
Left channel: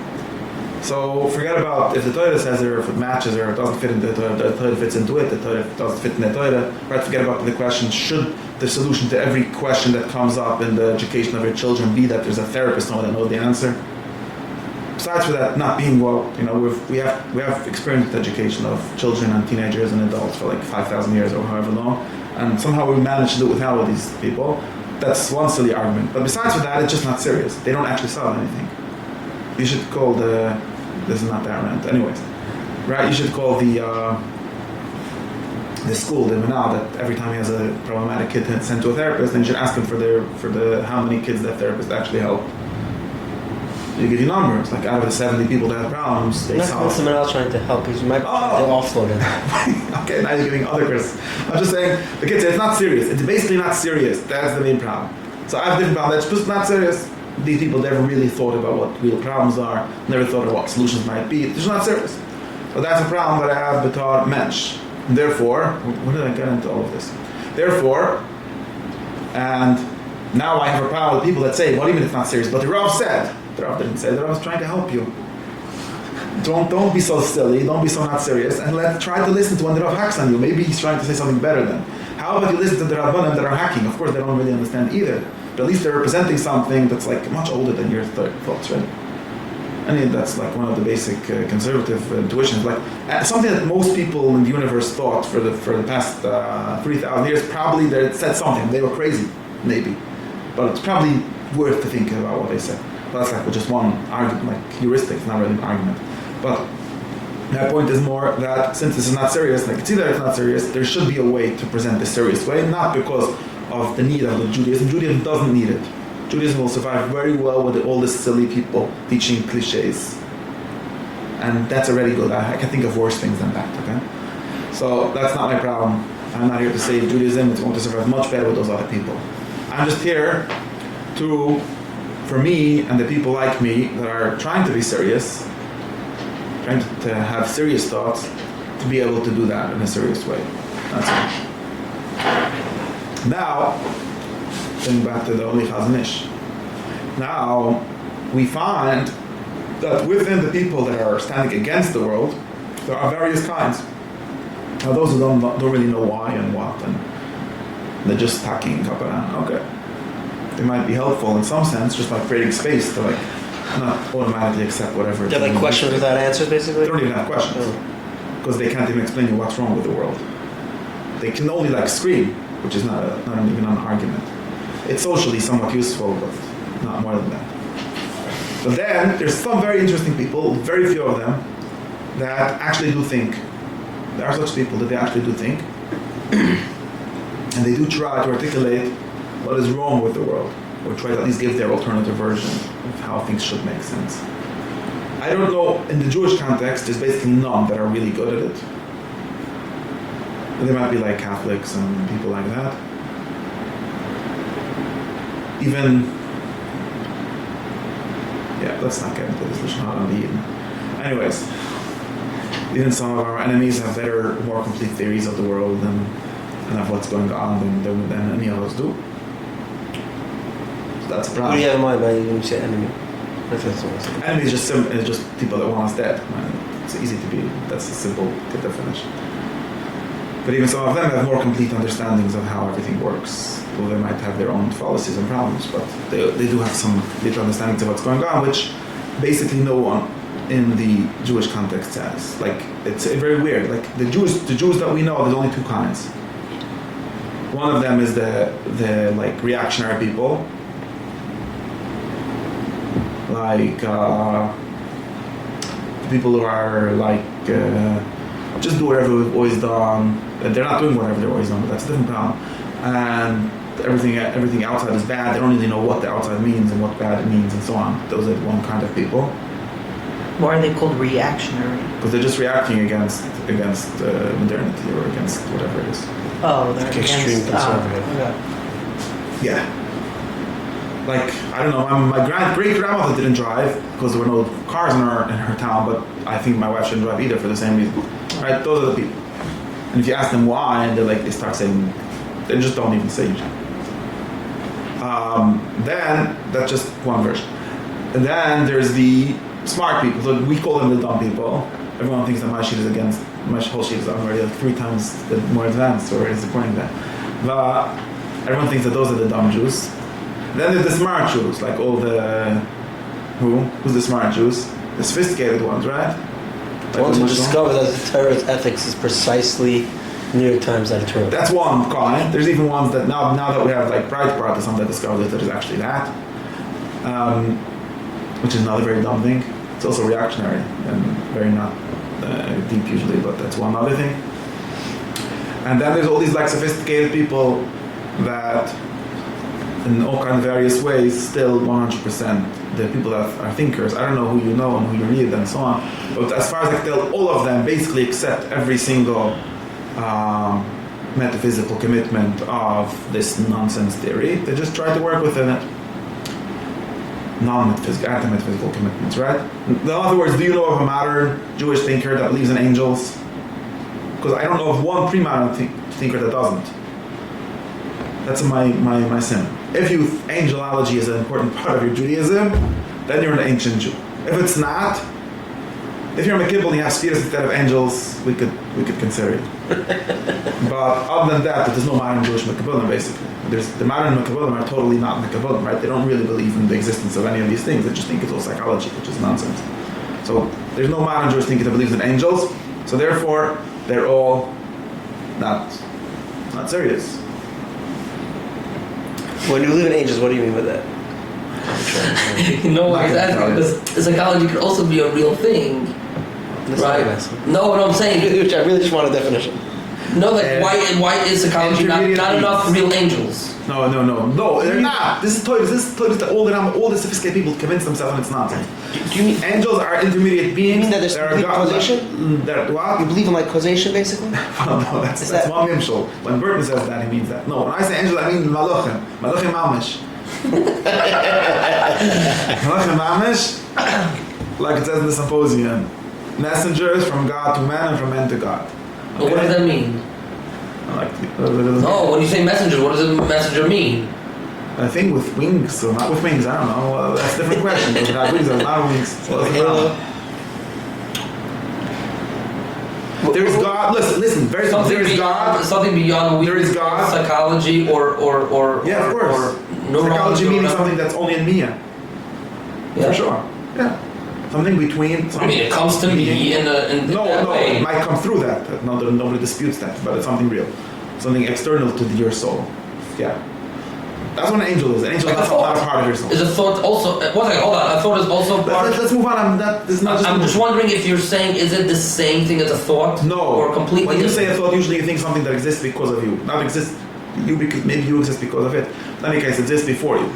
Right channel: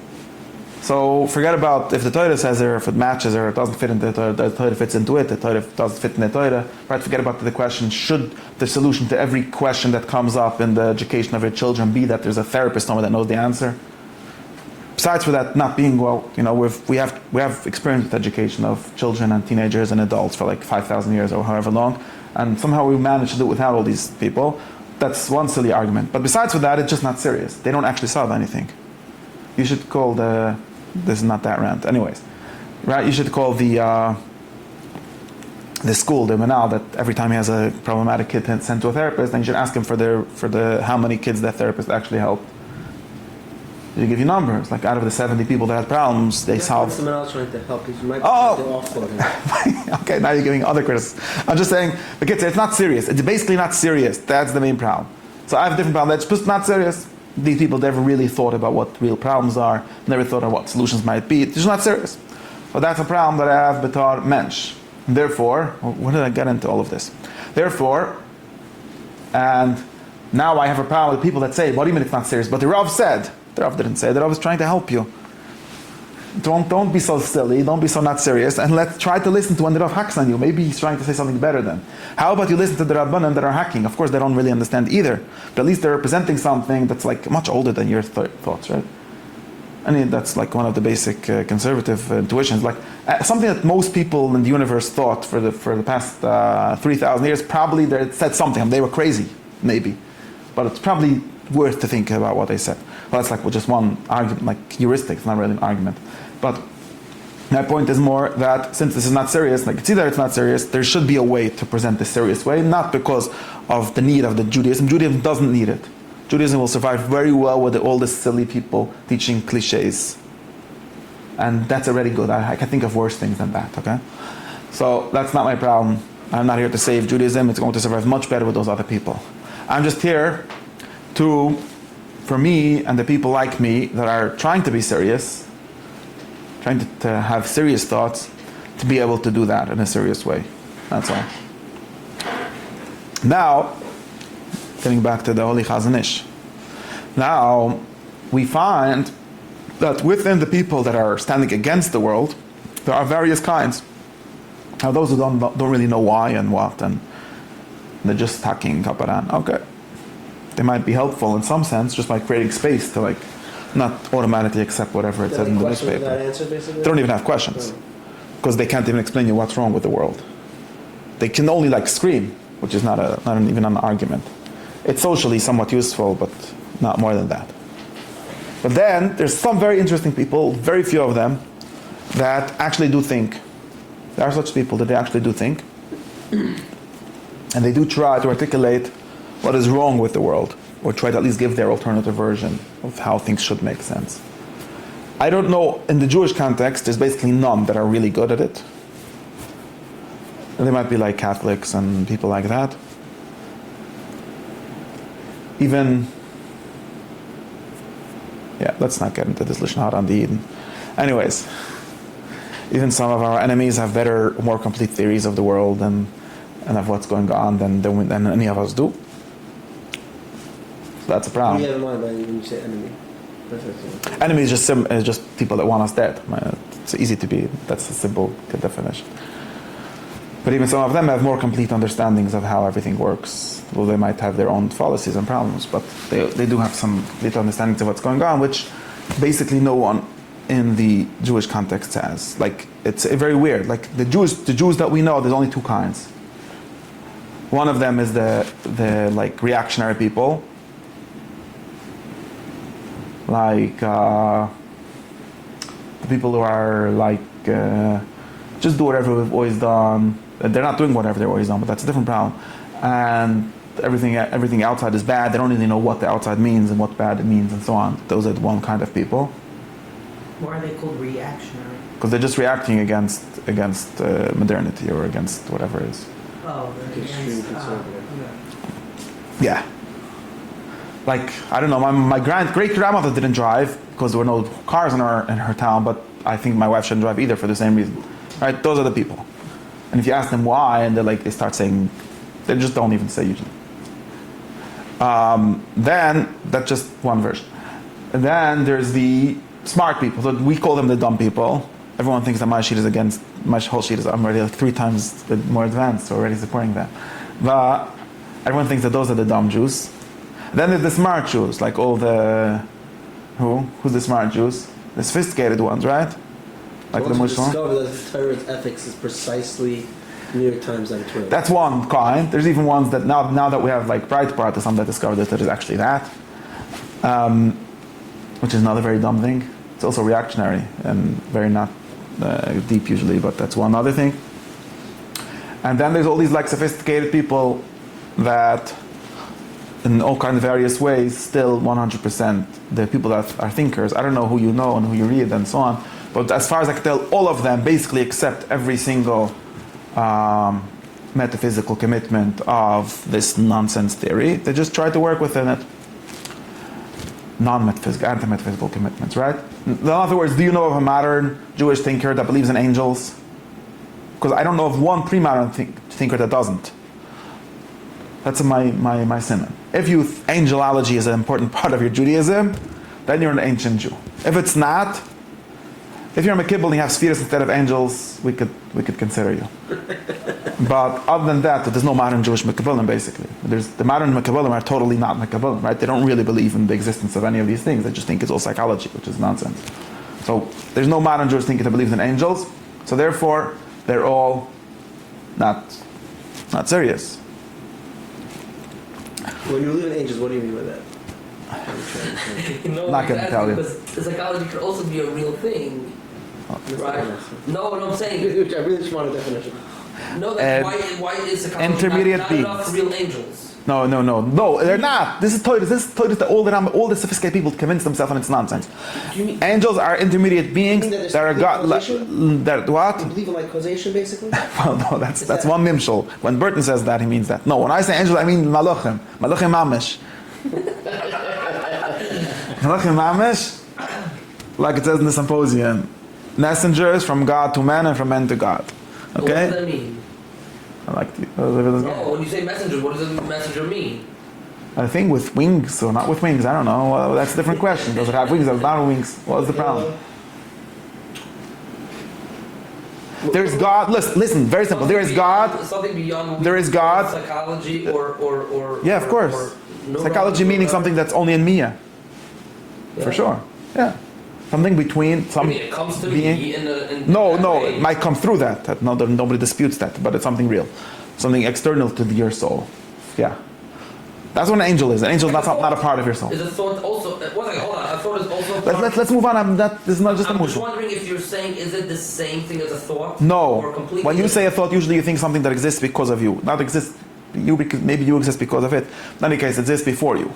So forget about if the Torah says it, or if it matches, or it doesn't fit into the Torah fits into it, the Torah doesn't fit in the Torah. Right? Forget about the question, should the solution to every question that comes up in the education of your children be that there's a therapist, someone that knows the answer? Besides for that not being, we have experienced the education of children and teenagers and adults for like 5,000 years or however long, and somehow we managed to do it without all these people. That's one silly argument. But besides for that, it's just not serious. They don't actually solve anything. You should call this is not that rant. Anyways, right? You should call the school, the manal, that every time he has a problematic kid sent to a therapist, then you should ask him for the how many kids that therapist actually helped. They give you numbers, like out of the 70 people that had problems, they solved. Someone else trying to help. He's might offload it. Okay, now you're giving other criticism. I'm just saying, the kids say it's not serious. It's basically not serious. That's the main problem. So I have a different problem. That's just not serious. These people never really thought about what real problems are, never thought of what solutions might be. It's just not serious. So that's a problem that I have betar mensch. Therefore, where did I get into all of this? Therefore, and now I have a problem with people that say, what do you mean it's not serious? But the Rav said, the Rav didn't say, the Rav was trying to help you. Don't be so silly, don't be so not serious, and let's try to listen to when the Rav hacks on you. Maybe he's trying to say something better then. How about you listen to the Rabbanim that are hacking? Of course, they don't really understand either, but at least they're representing something that's like much older than your thoughts, right? I mean, that's like one of the basic conservative intuitions, like something that most people in the universe thought for the past 3,000 years. Probably they said something. They were crazy, maybe, but it's probably worth to think about what they said. Well, that's like just one argument, like heuristic. It's not really an argument, but my point is more that since this is not serious, like it's either it's not serious, there should be a way to present this serious way, not because of the need of the Judaism. Judaism doesn't need it. Judaism will survive very well with all these silly people teaching cliches. And that's already good. I can think of worse things than that, okay? So that's not my problem. I'm not here to save Judaism. It's going to survive much better with those other people. I'm just here for me and the people like me that are trying to be serious, trying to have serious thoughts, to be able to do that in a serious way. That's all. Now, getting back to the Holy Chazon Ish. Now, we find that within the people that are standing against the world, there are various kinds. Now, those who don't really know why and what, and they're just hacking kaparan. Okay. They might be helpful in some sense, just by creating space to like not automatically accept whatever. They're like questions without answers, basically? They don't even have questions. Because they can't even explain you what's wrong with the world. They can only like scream, which is not even an argument. It's socially somewhat useful, but not more than that. But then, there's some very interesting people, very few of them, that actually do think. There are such people that they actually do think. And they do try to articulate what is wrong with the world, or try to at least give their alternative version of how things should make sense. I don't know, in the Jewish context, there's basically none that are really good at it. They might be like Catholics and people like that. Even, yeah, let's not get into this Lashon Hara on the Eden. Anyways, even some of our enemies have better, more complete theories of the world and of what's going on than any of us do. So that's a What problem. do you have in mind by when you say enemy? Enemy is just people that want us dead. It's easy to be. That's a simple definition. But even some of them have more complete understandings of how everything works. Well, they might have their own fallacies and problems, but they do have some complete understandings of what's going on, which basically no one in the Jewish context has. Like, it's very weird. Like the Jews that we know, there's only two kinds. One of them is the like reactionary people, like the people who are like just do whatever we've always done. They're not doing whatever they've always done, but that's a different problem. And everything outside is bad. They don't really know what the outside means and what bad means and so on. Those are one kind of people. Why are they called reactionary? Because they're just reacting against modernity or against whatever it is. Oh, they're Like extreme against, conservative. Yeah. Like, I don't know, my great-grandmother didn't drive because there were no cars in her town, but I think my wife shouldn't drive either for the same reason. Right? Those are the people. And if you ask them why, and they start saying, they just don't even say usually. Then, that's just one version. And then there's the smart people. So we call them the dumb people. Everyone thinks that my whole sheet is already like 3 times more advanced, or is according to that. But everyone thinks that those are the dumb Jews. Then there's the smart Jews, like all the... Who's the smart Jews? The sophisticated ones, right? I Like want the to Muslim. discover that the Torah's ethics is precisely New York Times editorial. That's one kind. There's even ones that now that we have like Breitbart or something that discovered that there's actually that. Which is another very dumb thing. It's also reactionary and very not deep usually, but that's one other thing. And then there's all these like sophisticated people that in all kinds of various ways still 100% the people that are thinkers. I don't know who you know and who you read and so on, but as far as I can tell, all of them basically accept every single metaphysical commitment of this nonsense theory. They just try to work within it. Non-metaphysical, anti-metaphysical commitments, right? In other words, do you know of a modern Jewish thinker that believes in angels? Because I don't know of one pre-modern thinker that doesn't. That's my sin. If angelology is an important part of your Judaism, then you're an ancient Jew. If it's not, if you're a Mekibbel and you have spheres instead of angels, we could consider you. But other than that, there's no modern Jewish Mekibbelim basically. The modern Mekibbelim are totally not Mekibbelim, right? They don't really believe in the existence of any of these things. They just think it's all psychology, which is nonsense. So there's no modern Jewish thinker that believes in angels. So therefore, they're all not serious. When you believe in angels, what do you mean by that? No, Not gonna tell exactly, you. because psychology could also be a real thing. That's Right. not what I'm asking. No, what I'm saying, Which I really just want a definition. no, like And why is psychology not intermediate enough beings. real angels? No, they're not. This is Torah that all the sophisticated people convince themselves and it's nonsense. Do you mean, Angels are intermediate beings. mean that there's are complete God. causation? That what? you believe in like causation, basically? Well, no, that's Is that- one nimshal. When Burton says that, he means that. No, when I say angels, I mean malachim. Malachim mamish. Malachim mamish, like it says in the symposium, messengers from God to men and from men to God. Well, what does that mean? I like No, when you say messenger, what does a messenger mean? I think with wings, so not with wings. I don't know. Well, that's a different question. Does it have wings or not have wings? What's the problem? There's God. Listen. Very simple. There is God. Something beyond There is God. psychology or Yeah, of course. Or Psychology meaning neurology. something that's only in Mia. Yeah. For sure. Yeah. Something between. I mean, it comes to me in that No, way. it might come through that. No, nobody disputes that, but it's something real, something external to your soul. Yeah, that's what an angel is. An angel is Like a not a thought. part of your soul. Is a thought also? One second, hold on. A thought is also part. Let's move on. This is not just. I'm just wondering if you're saying, is it the same thing as a thought? No. Or completely When you say a different? thought, usually you think something that exists because of you, not exists. Maybe you exist because of it. In any case, it exists before you,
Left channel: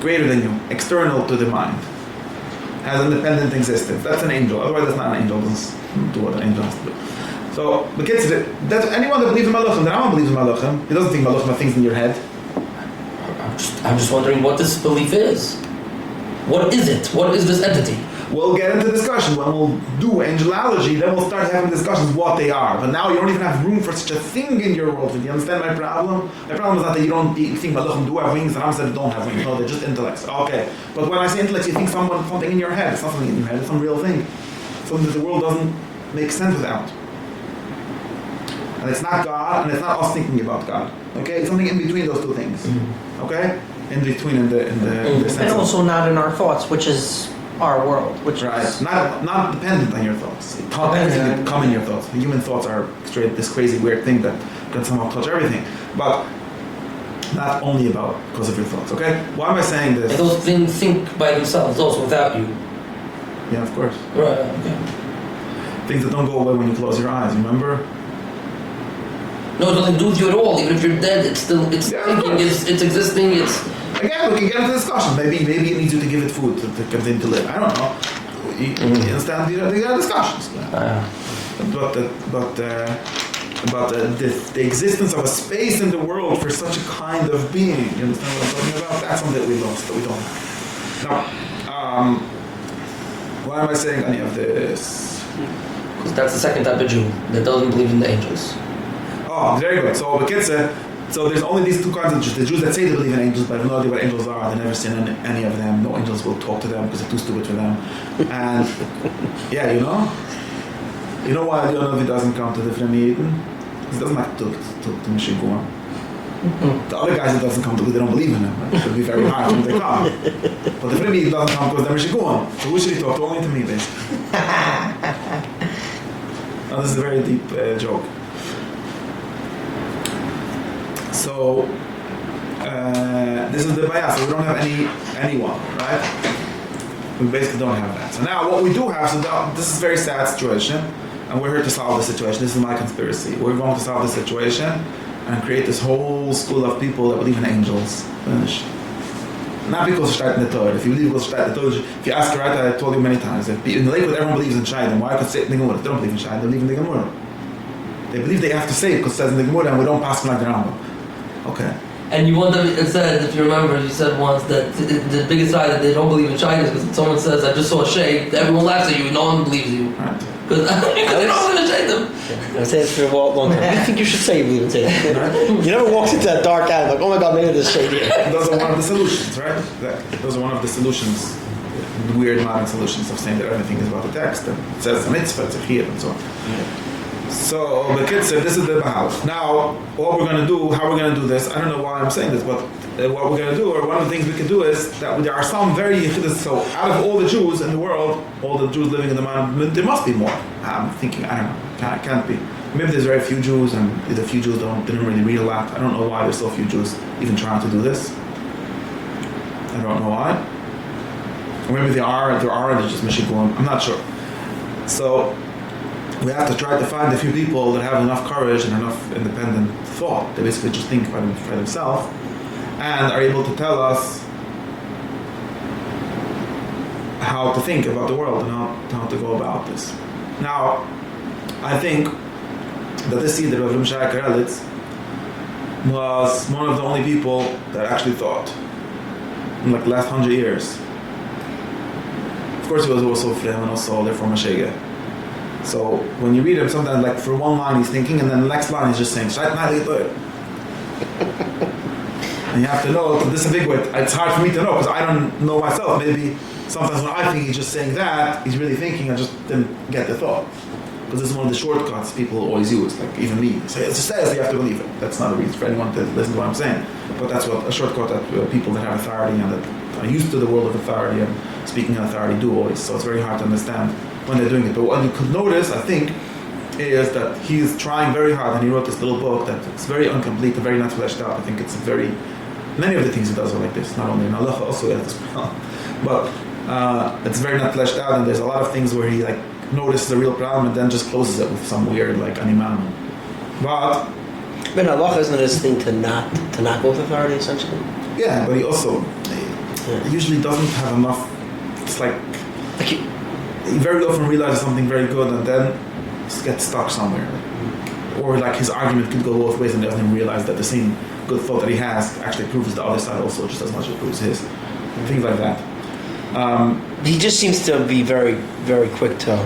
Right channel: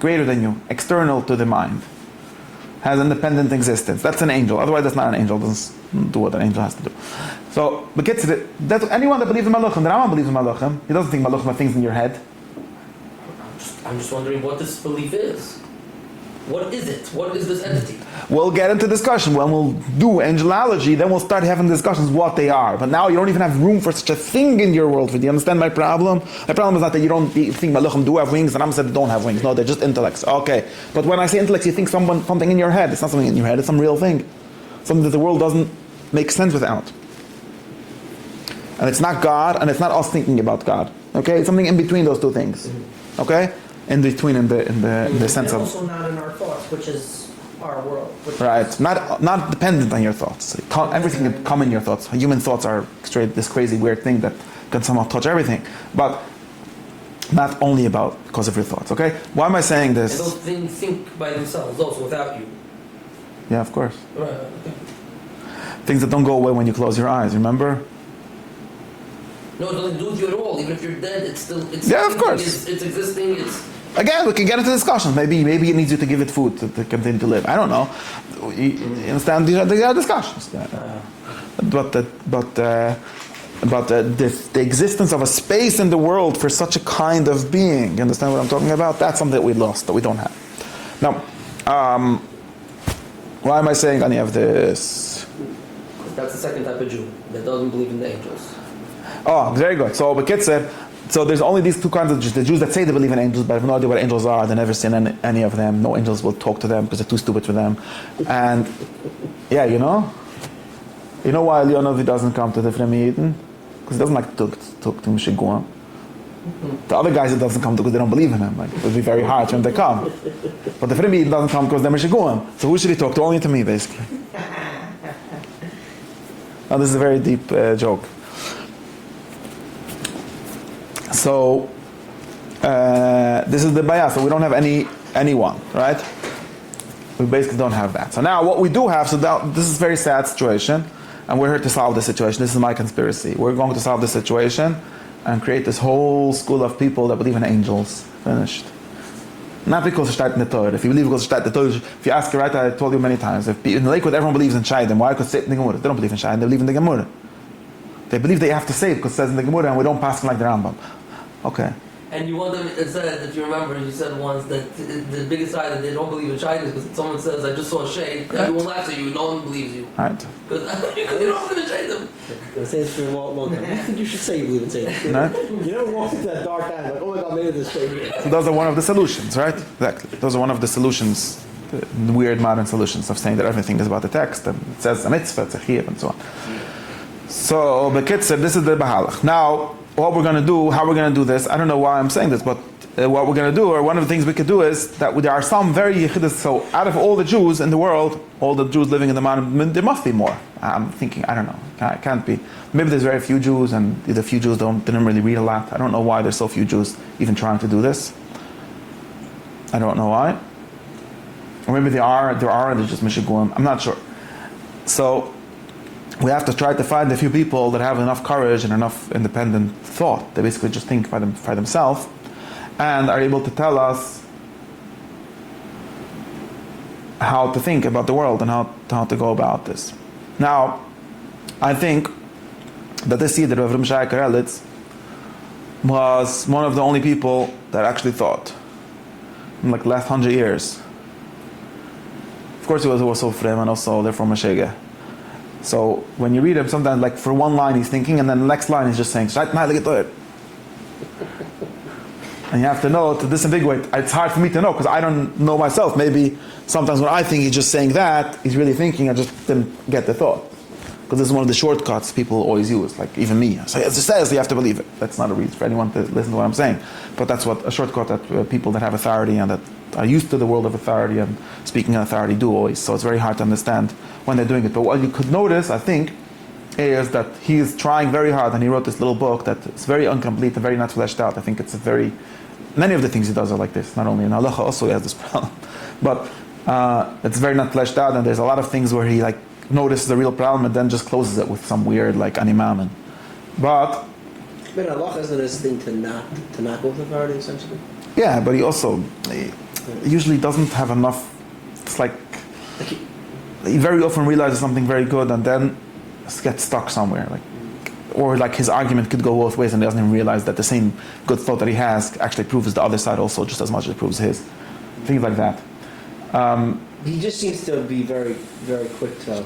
greater than you, external to the mind, has independent existence. That's an angel. Otherwise, that's not an angel. It doesn't do what an angel has to do. So, but kids, that's anyone that believes in Malachim, the Rambam believes in Malachim. He doesn't think Malachim are things in your head. I'm just wondering what this belief is. What is it? What is this entity? We'll get into discussion. When we'll do angelology, then we'll start having discussions what they are. But now you don't even have room for such a thing in your world. Do you understand my problem? My problem is not that you don't think Malachim do have wings, and I'm saying they don't have wings. No, they're just intellects. Okay. But when I say intellects, you think something in your head. It's not something in your head. It's some real thing. Something that the world doesn't make sense without. And it's not God, and it's not us thinking about God. Okay? It's something in between those two things. Okay? In between in the sense And of... also not in our thoughts, which is our world. Which Right. is, Not dependent on your thoughts. Everything can come in your thoughts. Human thoughts are straight this crazy weird thing that can somehow touch everything. But not only because of your thoughts. Okay? Why am I saying this? And those things think by themselves also without you. Yeah, of course. Right, okay. Things that don't go away when you close your eyes, remember? No, it doesn't do with you at all. Even if you're dead, it's Yeah, of thinking, course. it's existing, it's... Again, we can get into discussion. Maybe it needs you to give it food to continue to live. I don't know. You understand? They are discussions. But the existence of a space in the world for such a kind of being, you understand what I'm talking about? That's something that we lost, that we don't have. Now, why am I saying any of this? Because that's the second type of Jew that doesn't believe in the angels. Oh, very good. So the kids so there's only these two kinds of Jews. The Jews that say they believe in angels but have no idea what angels are. They've never seen any of them. No angels will talk to them because they're too stupid for them. And yeah, you know why Leonovi doesn't come to the Fremi Eden? Because he doesn't like to Mishigua. The other guys it doesn't come to because they don't believe in him. Right? It would be very hard when they come. But the Fremi Eden doesn't come because they're Mishigua. So who should he talk to? Only to me, basically. Now this is a very deep joke. So this is the bias. So we don't have anyone, right? We basically don't have that. So now what we do have, this is a very sad situation, and we're here to solve the situation. This is my conspiracy. We're going to solve the situation and create this whole school of people that believe in angels. Finished. Not because it's in the Torah. If you believe because it's in the Torah, if you ask right, I told you many times, if in the Lakewood everyone believes in Shaidim, why could say it in the Gemara? They don't believe in Shaidim, they believe in the Gemara. They believe they have to say it because it says in the Gemara and we don't pass like the Rambam. Okay. And you wonder, it said, if you remember, you said once that the biggest lie that they don't believe in China is because someone says, I just saw a shade, everyone laughs at you, no one believes you. Right. Because they don't believe in Satan. I say this for a long time. I think you should say you believe in Satan. Right? You never walk into that dark alley like, oh my God, maybe there's shade here. Those are one of the solutions, right? Exactly. Those are one of the solutions, weird modern solutions of saying that everything is about the text, that it says a mitzvah, it's a chiyuv, and so on. So the kid said, this is the Bahalach. Now, what we're going to do, how we're going to do this, I don't know why I'm saying this, but what we're going to do, or one of the things we could do is that there are some very yichidus, so out of all the Jews in the world, all the Jews living in the mountain, there must be more. I'm thinking, I don't know, it can't be. Maybe there's very few Jews, and the few Jews didn't really read a lot. I don't know why there's so few Jews even trying to do this. I don't know why. Or maybe there are, and they're just Mishiguim. I'm not sure. So we have to try to find a few people that have enough courage and enough independent thought. They basically just think by themselves and are able to tell us how to think about the world and how to go about this. Now, I think that this seed of Rav Shai Karelitz was one of the only people that actually thought in like the last 100 years. Of course, he was also Frem and also therefore Mashega. So when you read him, sometimes like for one line he's thinking, and then the next line he's just saying, and you have to know that this is a big way. It's hard for me to know because I don't know myself. Maybe sometimes when I think he's just saying that, he's really thinking. I just didn't get the thought. Because this is one of the shortcuts people always use, like even me. So it says you have to believe it. That's not a reason for anyone to listen to what I'm saying. But that's what a shortcut that people that have authority and that are used to the world of authority and speaking in authority do always. So it's very hard to understand when they're doing it. But what you could notice, I think, is that he is trying very hard, and he wrote this little book that it's very incomplete and very not fleshed out. I think it's many of the things he does are like this. Not only in halacha, also he has this problem. But it's very not fleshed out, and there's a lot of things where he like notices the real problem and then just closes it with some weird like animaman. But halacha isn't this thing to not go with authority essentially. Yeah, but he also usually doesn't have enough. It's like he very often realizes something very good and then get stuck somewhere. Or like his argument could go both ways and he doesn't even realize that the same good thought that he has actually proves the other side also just as much as it proves his. Things like that. He just seems to be very, very quick to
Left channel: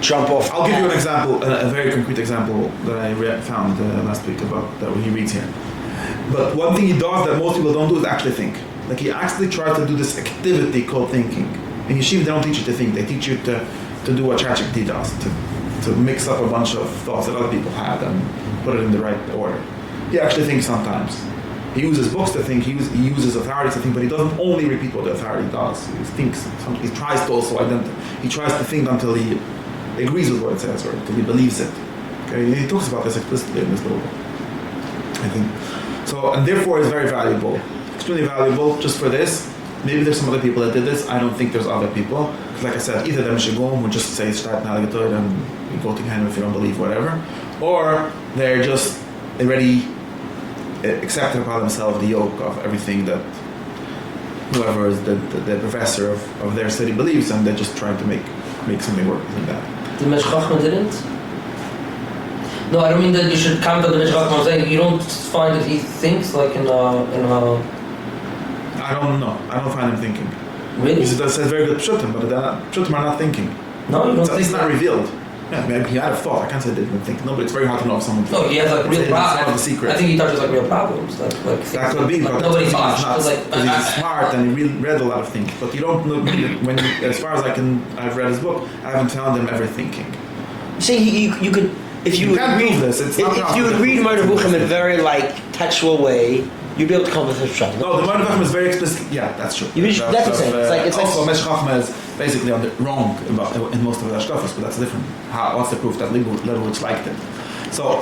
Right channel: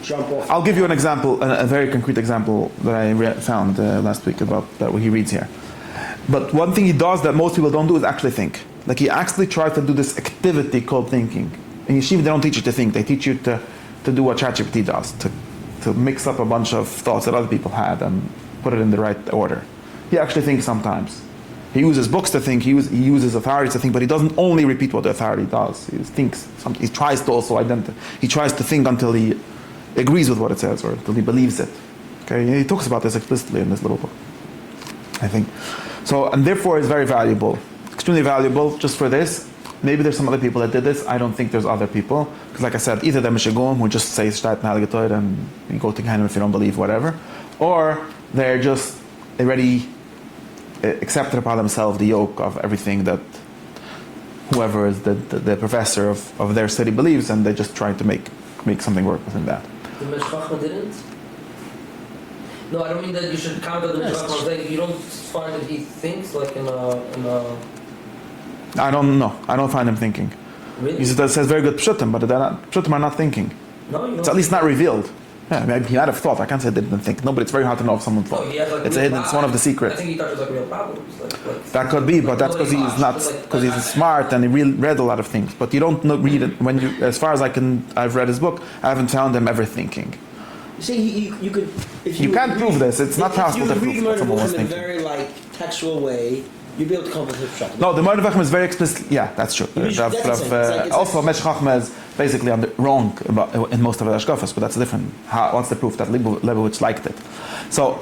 jump off. I'll give you an example, a very concrete example that I found last week about that he reads here. But one thing he does that most people don't do is actually think. Like he actually tries to do this activity called thinking. In yeshiva, they don't teach you to think. They teach you to do what ChatGPT does, to mix up a bunch of thoughts that other people had and put it in the right order. He actually thinks sometimes. He uses books to think, he uses authorities to think, but he doesn't only repeat what the authority does. He thinks, he tries to also he tries to think until he agrees with what it says or until he believes it. Okay, he talks about this explicitly in this little book, I think. So, and therefore it's very valuable, extremely valuable just for this. Maybe there's some other people that did this. I don't think there's other people. Because like I said, either they're Mishigom who just say Shtat Naligator and you go to Gehenna if you don't believe whatever, or they're just already accepted upon themselves the yoke of everything that whoever is the professor of their study believes, and they just try to make something work within that. The Medrash Chacham didn't? No, I don't mean that you should comment on the Medrash Chacham. I'm saying you don't find that he thinks like in a I don't know. I don't find him thinking. Really? That says very good pshutim, but pshutim are not thinking. No, you don't. It's at least not revealed. Yeah, maybe he might have thought. I can't say they didn't think. No, but it's very hard to know if someone thought. No, he has like it's real one of problems. the secrets. I think he touches like real problems. Like That could be, but that's because he's not, because he's smart and he read a lot of things. But you don't know really when, as far as I've read his book, I haven't found him ever thinking. See, you could if you can't prove this. It's not possible. If you read Mordechai Buchim in a very textual way, you'd be able to come with a shot. No, the Mordechai Buchim is very explicit. Yeah, that's true. That's the same. Also, Medrash Chacham is basically wrong in most of the Ashkafas, but that's different. What's the proof that Leibowitz liked it? So,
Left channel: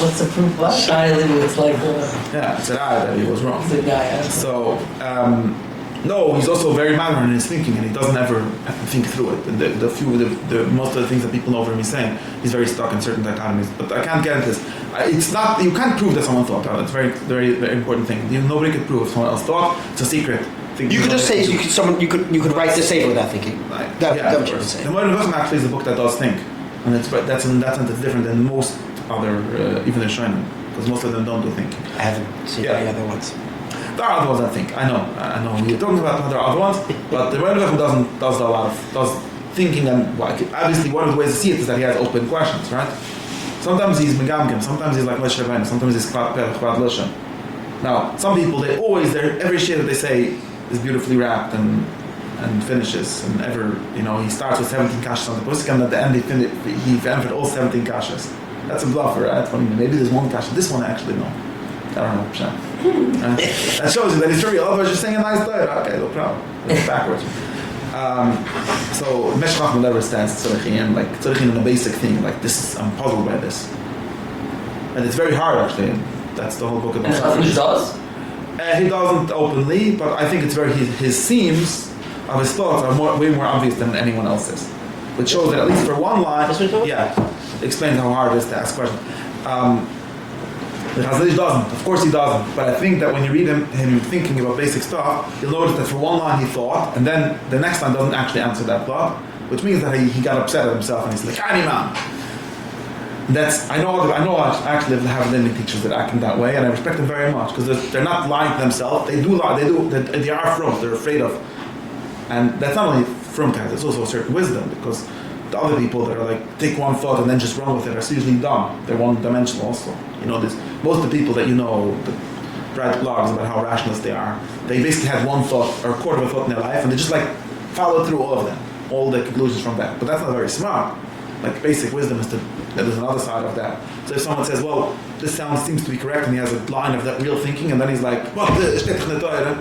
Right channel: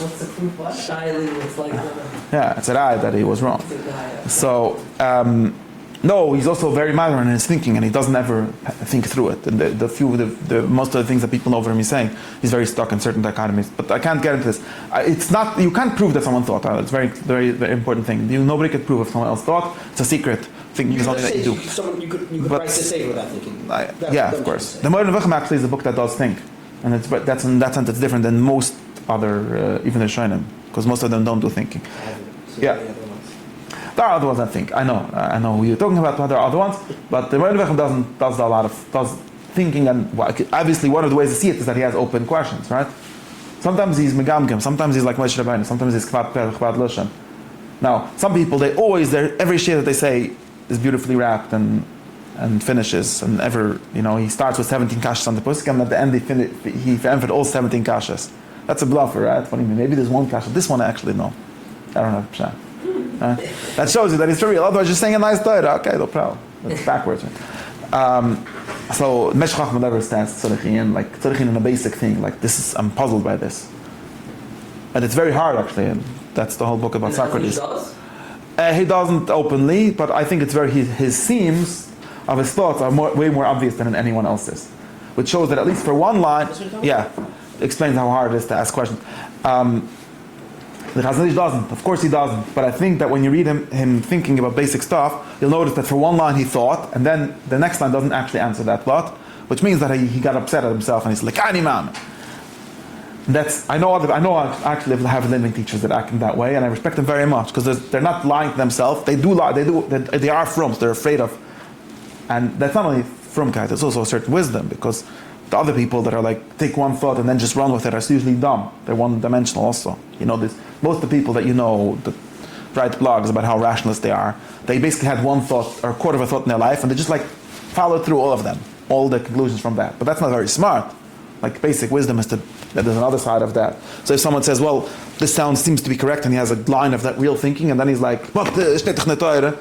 what's the proof? What? Shai Leibowitz liked it. Yeah, it's a lie that he was wrong. The guy. So. No, he's also very minor in his thinking, and he doesn't ever think through it. And most of the things that people know from him he's saying, he's very stuck in certain dichotomies. But I can't get into this. It's not. You can't prove that someone thought that. It's a very, very, very important thing. Nobody could prove if someone else thought. It's a secret. You could just say you could write the safer without thinking. Yeah, of course. The Mordechai Buchim actually is the book that does think, and that's in that sense it's different than most other even the Shonim, because most of them don't do thinking. I haven't seen any other ones. There are other ones I think. I know who you're talking about, but there are other ones. But the Mordechai Buchim does thinking, and obviously one of the ways to see it is that he has open questions, right? Sometimes he's megamgam, sometimes he's like Moshe Rabbeinu, sometimes he's kvad loshen. Now, some people every shir that they say is beautifully wrapped and finishes, and he starts with 17 kashas on the pusik, and at the end he answered all 17 kashas. That's a bluffer, right? Maybe there's one kasha. This one actually no. I don't know. That shows you that he's for real. Otherwise, just saying a nice Torah. Okay, no problem. It's backwards. So Medrash Chacham never stands tzorichin in a basic thing. Like this, I'm puzzled by this, and it's very hard actually. And that's the whole book about suffrage. Does? He doesn't openly, but I think it's his seams of his thoughts are way more obvious than anyone else's, which shows that at least for one line, explains how hard it is to ask questions. The Chazon Ish doesn't. Of course he doesn't. But I think that when you read him thinking about basic stuff, you'll notice that for one line he thought, and then the next line doesn't actually answer that thought, which means that he got upset at himself and he's like, man. I actually have living teachers that act in that way, and I respect them very much because they're not lying to themselves. They do lie. They are frums. They're afraid of, and that's not only frumkeit. It's also a certain wisdom because the other people that are like take one thought and then just run with it are usually dumb. They're one-dimensional also. Most of the people that that write blogs about how rationalist they are, they basically had one thought or a quarter of a thought in their life, and they just followed through all of them, all the conclusions from that. But that's not very smart. Basic wisdom is that there's another side of that. So if someone says, well, this seems to be correct, and he has a line of that real thinking, and then he's like, what the Torah?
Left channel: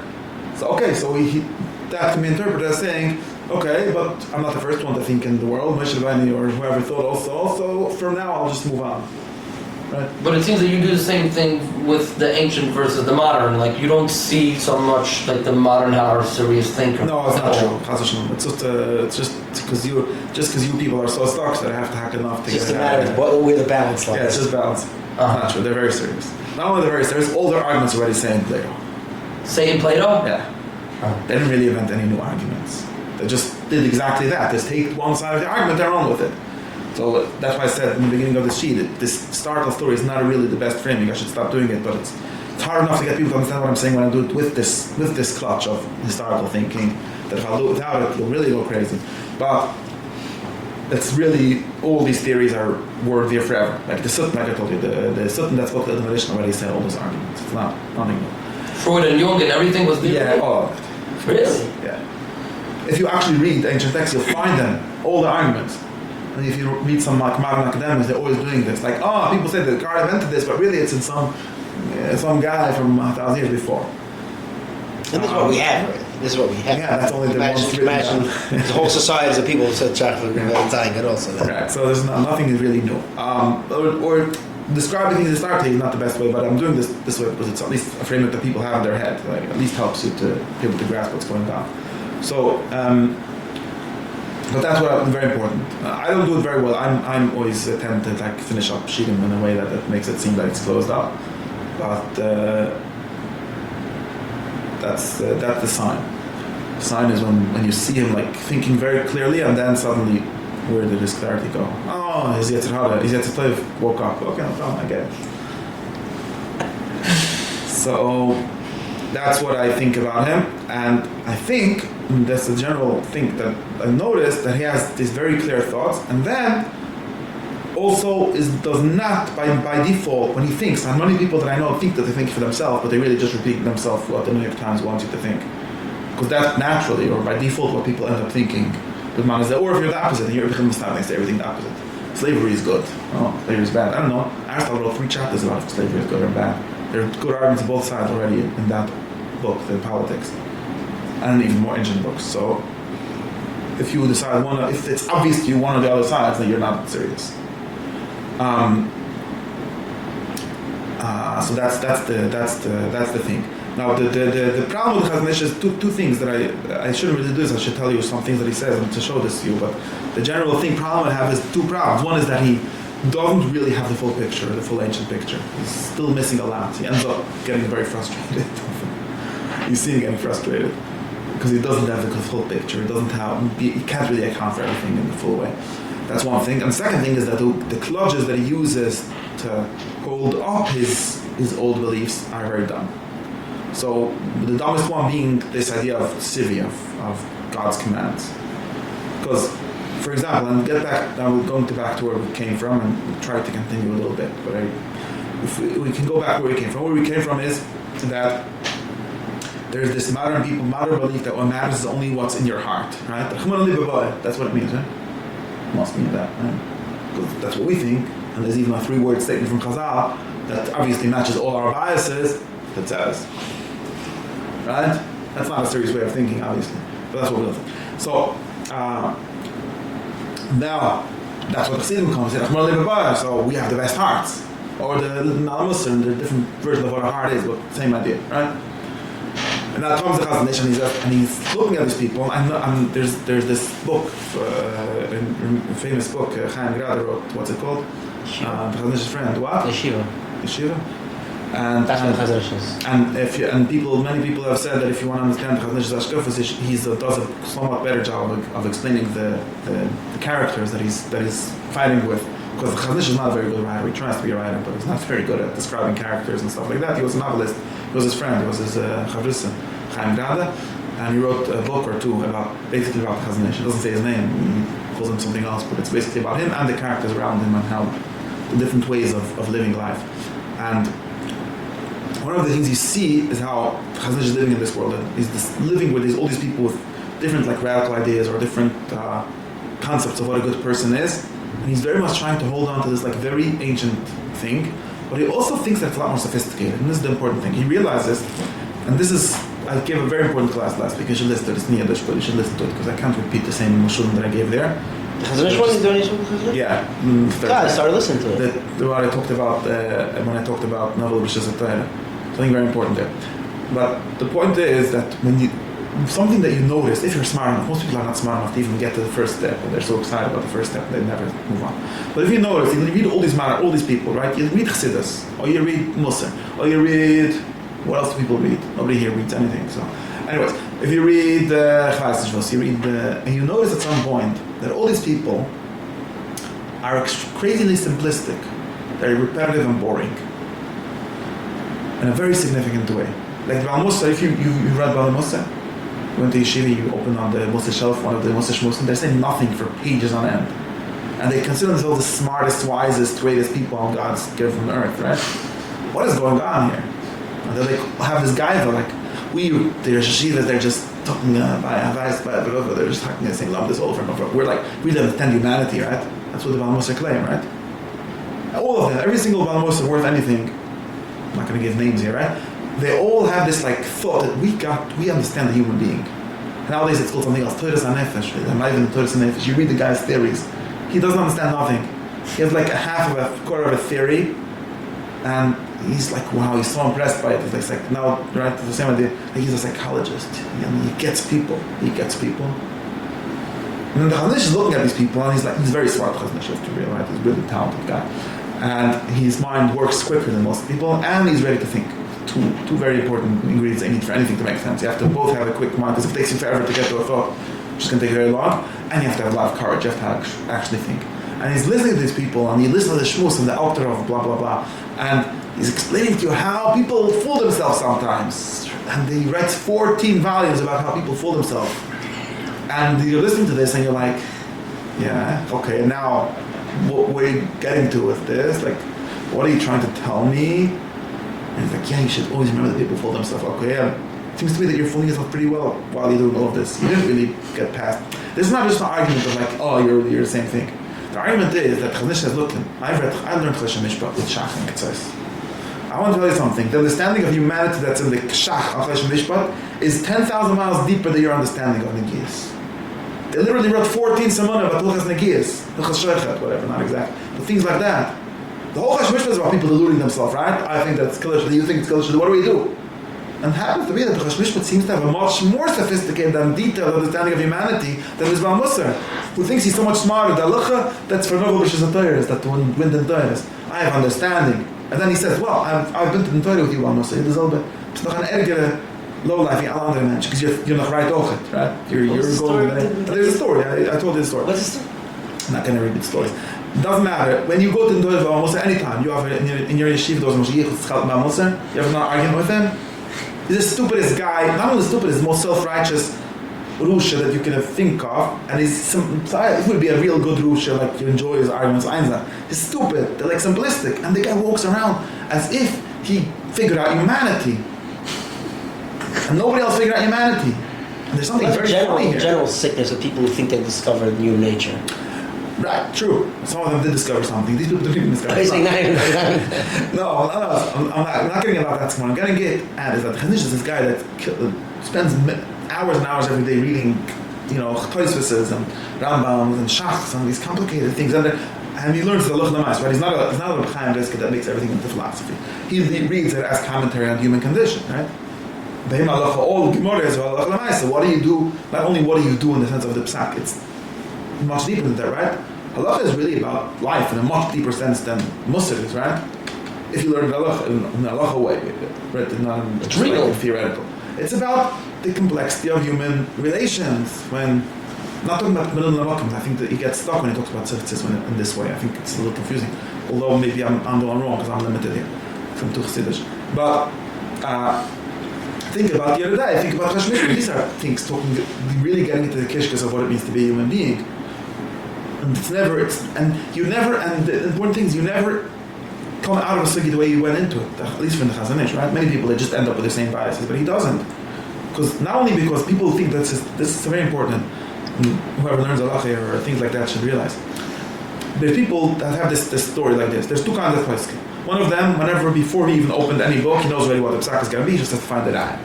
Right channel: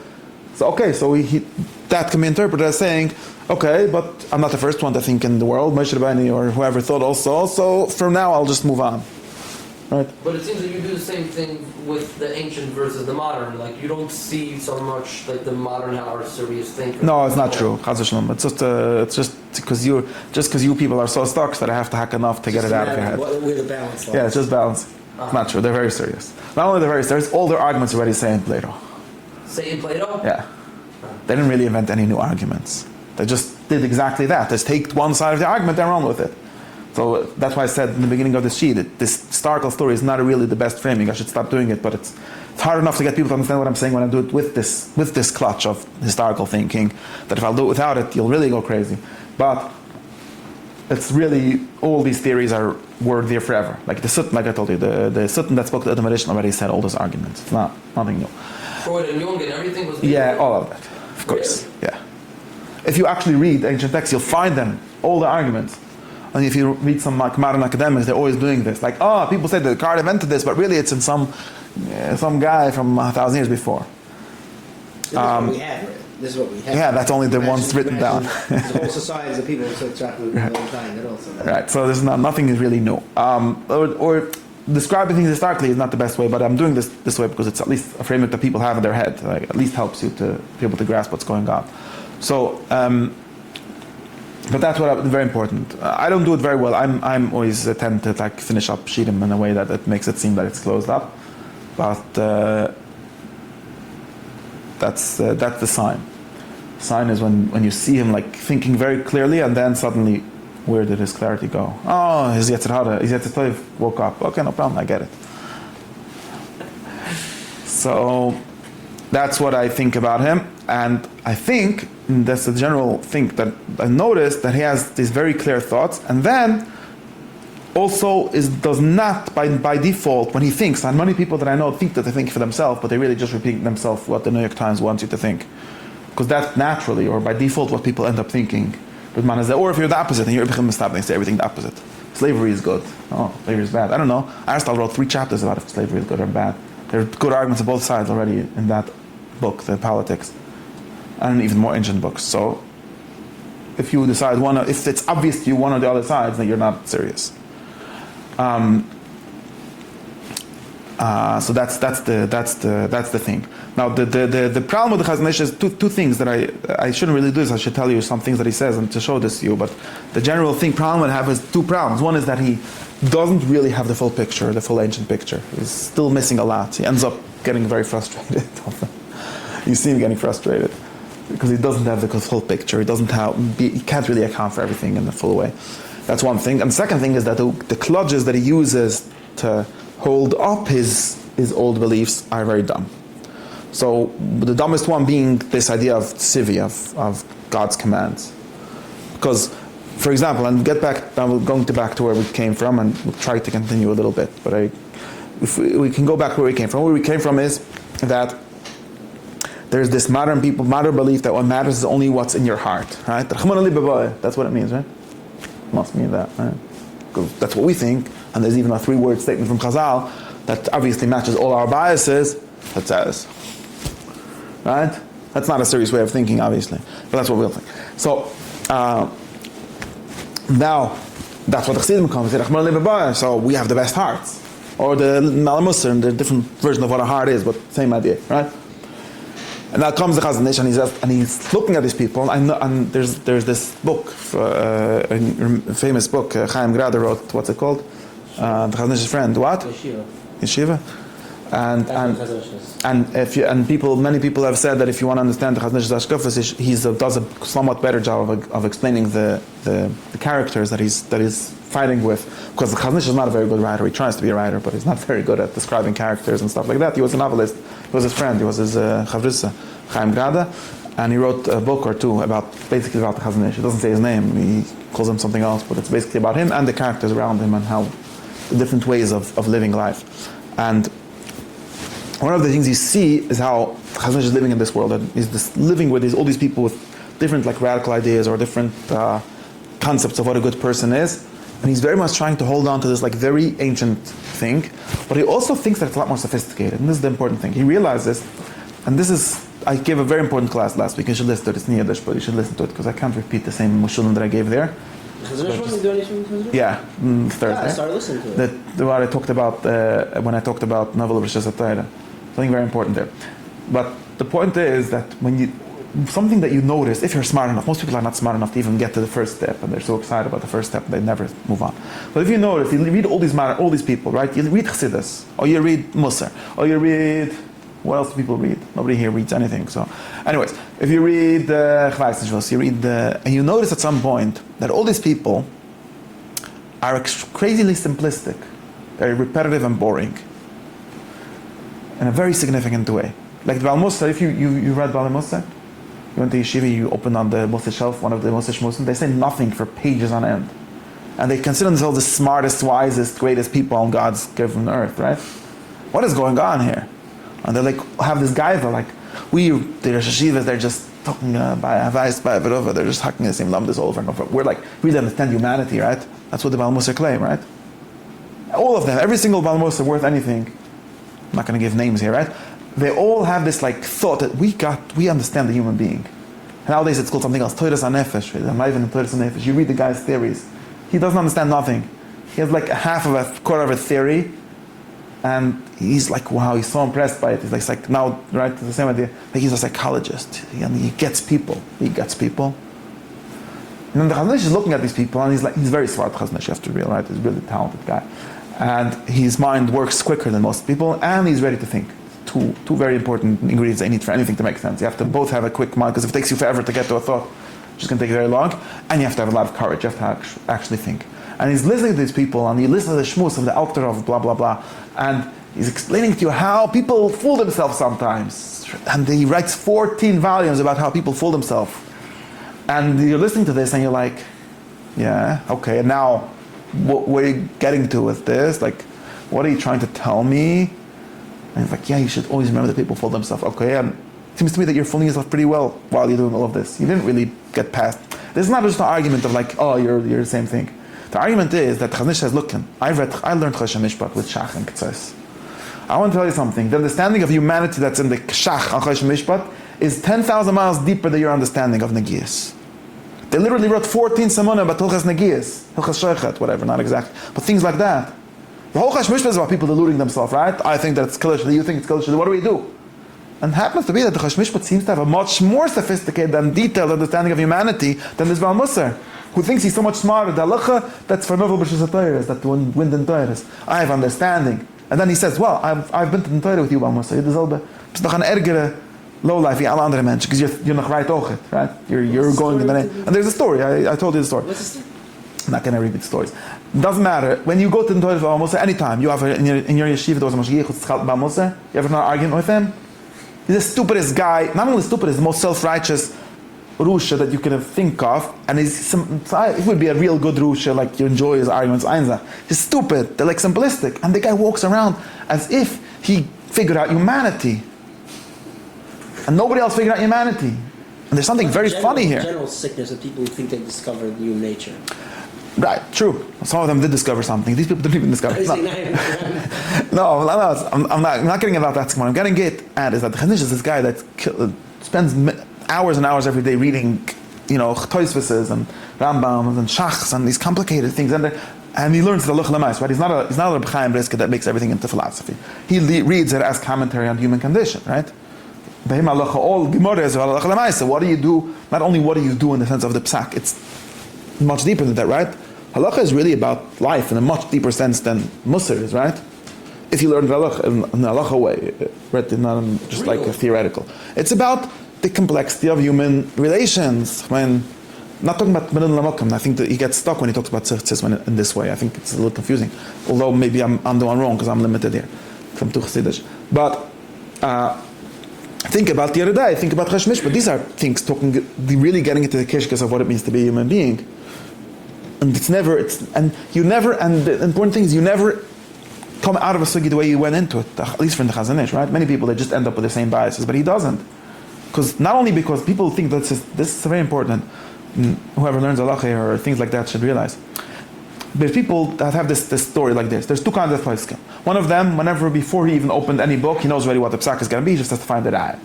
So okay, so that can be interpreted as saying, okay, but I'm not the first one to think in the world. Moshe Rabbeinu or whoever thought also. So from now I'll just move on. Right? But it seems that you do the same thing with the ancient versus the modern. You don't see so much the modern are serious thinkers. No, it's not true. It's just because you people are so stuck that I have to hack enough to get it out. Just a matter of where the balance lies. Yeah, it's just balance. It's not true. They're very serious. Not only they're very serious, all their arguments already say in Plato. Say in Plato? Yeah. They didn't really invent any new arguments. They just did exactly that. They take one side of the argument, they run with it. So that's why I said in the beginning of this sheet, that this historical story is not really the best framing. I should stop doing it, but it's hard enough to get people to understand what I'm saying when I do it with this clutch of historical thinking, that if I do it without it, you'll really go crazy. But it's really, all these theories were there forever. Like the Sutton, like I told you, the Sutton that spoke to the meditation already said all those arguments. It's nothing new. Freud and Jung and everything was there? Yeah, all of it. Of course. Really? Yeah. If you actually read ancient texts, you'll find them, all the arguments. And if you read some like modern academics, they're always doing this. Like, people say that Descartes invented this, but really it's in some guy from 1,000 years before. This is what we have. This is what we have. Yeah, that's only the ones written down. There's whole societies of people who said chocolate and Valentine good also. Right, so there's nothing is really new. Or describing things historically is not the best way, but I'm doing this way because it's at least a framework that people have in their head. Like, at least helps you to be able to grasp what's going on. So, but that's very important. I don't do it very well. I'm always tend to like finish up Shigim in a way that it makes it seem like it's closed up. But that's the sign. Sign is when you see him like thinking very clearly, and then suddenly, where did his clarity go? Oh, his Yetzer Hara, his Yetzer Tov woke up. Okay, no problem, I get it. So that's what I think about him, and I think that's a general thing that I noticed, that he has these very clear thoughts, and then also does not by default when he thinks. And many people that I know think that they think for themselves, but they really just repeat themselves what the New York Times wants you to think, because that's naturally or by default what people end up thinking. Or if you're the opposite, and you're becoming stop and say everything the opposite. Slavery is good. Oh, slavery is bad. I don't know. Aristotle wrote 3 chapters about if slavery is good or bad. There are good arguments on both sides already in that book, the Politics, and even more ancient books. So if you decide if it's obvious to you one or the other sides, then you're not serious. So that's the thing. Now the problem with Chazon Ish is two things that I shouldn't really do this. I should tell you some things that he says and to show this to you. But the general problem I have is 2 problems. One is that he doesn't really have the full picture, the full ancient picture. He's still missing a lot. He ends up getting very frustrated. You see him getting frustrated because he doesn't have the full picture. He can't really account for everything in the full way. That's one thing. And the second thing is that the clutches that he uses to hold up his old beliefs are very dumb. So the dumbest one being this idea of civi, of God's commands. Because, for example, and get back, now we're going back to where we came from and we'll try to continue a little bit, but if we can go back where we came from. Where we came from is that there's this modern belief that what matters is only what's in your heart, right? That's what it means, right? It must mean that, right? Because that's what we think, and there's even a 3-word statement from Chazal that obviously matches all our biases that says, right? That's not a serious way of thinking, obviously, but that's what we'll think. So now that's what the Chassidus becomes. So we have the best hearts, or the Mussar, and the different version of what a heart is, but same idea, right? And now comes the Chazon Ish, and he's looking at these people, and there's this book, a famous book, Chaim Grader wrote. What's it called? The Chazon Ish's friend. What? Yeshiva. And many people have said that if you want to understand the Chazon Ish's Ashkafas, he does a somewhat better job of explaining the characters that he's fighting with. Because the Chazon Ish is not a very good writer. He tries to be a writer, but he's not very good at describing characters and stuff like that. He was a novelist. He was his friend. He was his Chavrusa, Chaim Gada, and he wrote a book or 2 basically about the Chazon Ish. He doesn't say his name. He calls him something else, but it's basically about him and the characters around him and how the different ways of living life. And one of the things you see is how Chazon Ish is living in this world, and he's living with all these people with different like radical ideas or different concepts of what a good person is. And he's very much trying to hold on to this like very ancient thing, but he also thinks that it's a lot more sophisticated. And this is the important thing. He realizes, and this is, I gave a very important class last week. You should listen to it. It's Niyadish, but you should listen to it because I can't repeat the same Moshulim that I gave there. The Chazon Ish one is doing with Chazon Ish? Yeah. I started listening to it. What I talked about when I talked about novel of Torah. Something very important there. But the point is that something that you notice, if you're smart enough, most people are not smart enough to even get to the first step, and they're so excited about the first step, they never move on. But if you notice, you read all these people, right? You read Chassidus, or you read Mussar, or you read, what else do people read? Nobody here reads anything. So, anyways, If you read and you notice at some point that all these people are crazily simplistic. They're repetitive and boring. In a very significant way. Like the Mussar, if you read about the Mussar, you went to Yeshiva, you opened on the Mussar shelf, one of the Mussar shmusim, they say nothing for pages on end. And they consider themselves the smartest, wisest, greatest people on God's given earth, right? What is going on here? And they like have this guy, they're like, they're Yeshivas, they're just talking by advice, by whatever, they're just talking the same love this over and over. We're like, we understand humanity, right? That's what the Baal Mussar claim, right? All of them, every single Baal Mussar worth anything, I'm not going to give names here, right? They all have this like thought that we understand the human being. Nowadays it's called something else, Torah Nefesh. I'm not even the Torah Nefesh. You read the guy's theories. He doesn't understand nothing. He has like quarter of a theory, and he's like, wow, he's so impressed by it. It's like now, right, it's the same idea. Like he's a psychologist, and he gets people. And then the Chazon Ish is looking at these people, and he's very smart, Chazon Ish, you have to realize, he's a really talented guy. And his mind works quicker than most people, and he's ready to think. Two very important ingredients I need for anything to make sense. You have to both have a quick mind, because if it takes you forever to get to a thought, it's just going to take very long, and you have to have a lot of courage, you have to actually think. And he's listening to these people, and he listens to the shmuz of the author of blah, blah, blah, and he's explaining to you how people fool themselves sometimes. And he writes 14 volumes about how people fool themselves. And you're listening to this, and you're like, yeah, okay, now, what are you getting to with this? Like, what are you trying to tell me? And it's like, yeah, you should always remember that people fool themselves. Okay, it seems to me that you're fooling yourself pretty well while you're doing all of this. You didn't really get past. This is not just an argument of like, oh, you're the same thing. The argument is that Chazon Ish says, look, I learned Choshen Mishpat with Shach and Ketzos. I want to tell you something. The understanding of humanity that's in the Shach and Choshen Mishpat is 10,000 miles deeper than your understanding of Negias. They literally wrote 14 Simona about Hilchas Negias, Hilchas Shochet, whatever, not exact, but things like that. The whole Choshen Mishpat is about people deluding themselves, right? I think that it's Kiddush, you think it's Kiddush, what do we do? And it happens to be that the Choshen Mishpat seems to have a much more sophisticated and detailed understanding of humanity than this Baal Mussar, who thinks he's so much smarter. The halacha, that's for Novel B'Shis HaTorah, that one wind and Torah. I have understanding. And then he says, well, I've been to the Torah with you, Baal Mussar. It's doch an ergere lowlife wie alle andere Menschen, because you're not right over, right? You're going to the name. And there's a story, I told you the story. What's the story? I'm not going to repeat stories. It doesn't matter. When you go to the Torah Baal Mussar, anytime, you have in your yeshiva, there was a Mashgiach who's Baal Mussar, you ever not arguing with him? He's the stupidest guy, not only the stupidest, the most self-righteous Rusha that you can think of, and he would be a real good Rusha, like you enjoy his arguments, Einza. He's stupid, they're like simplistic, and the guy walks around as if he figured out humanity. And nobody else figured out humanity. And there's something very funny here. General sickness of people who think they discovered new nature. Right, true. Some of them did discover something. These people didn't even discover something. No, I'm not getting about that. What I'm getting at is that Chazon Ish is this guy that spends hours and hours every day reading, Tosfos and Rambams and Shachs and these complicated things, and he learns the halacha l'maisa, right? He's not a B'chaim Brisker that makes everything into philosophy. He reads it as commentary on human condition, right? All Gemara is about halacha l'maisa. What do you do? Not only what do you do in the sense of the psak, it's much deeper than that, right? Halacha is really about life in a much deeper sense than Mussar is, right? If you learn halacha in a halacha way, right? Not just like a theoretical. It's about the complexity of human relations. When not talking about millennia l'makom, I think that he gets stuck when he talks about tzivtzis in this way. I think it's a little confusing. Although maybe I'm the one wrong because I'm limited here from Chassidus. But think about the other day. Think about Choshen Mishpat. These are things really getting into the kishkas of what it means to be a human being. And the important thing is you never come out of a sugi the way you went into it, at least from the Chazon Ish, right? Many people, they just end up with the same biases, but he doesn't. Not only because people think this is very important, and whoever learns halacha or things like that should realize. But people that have this story like this, there's two kinds of poskim. One of them, before he even opened any book, he knows already what the psak is going to be, he just has to find the raya.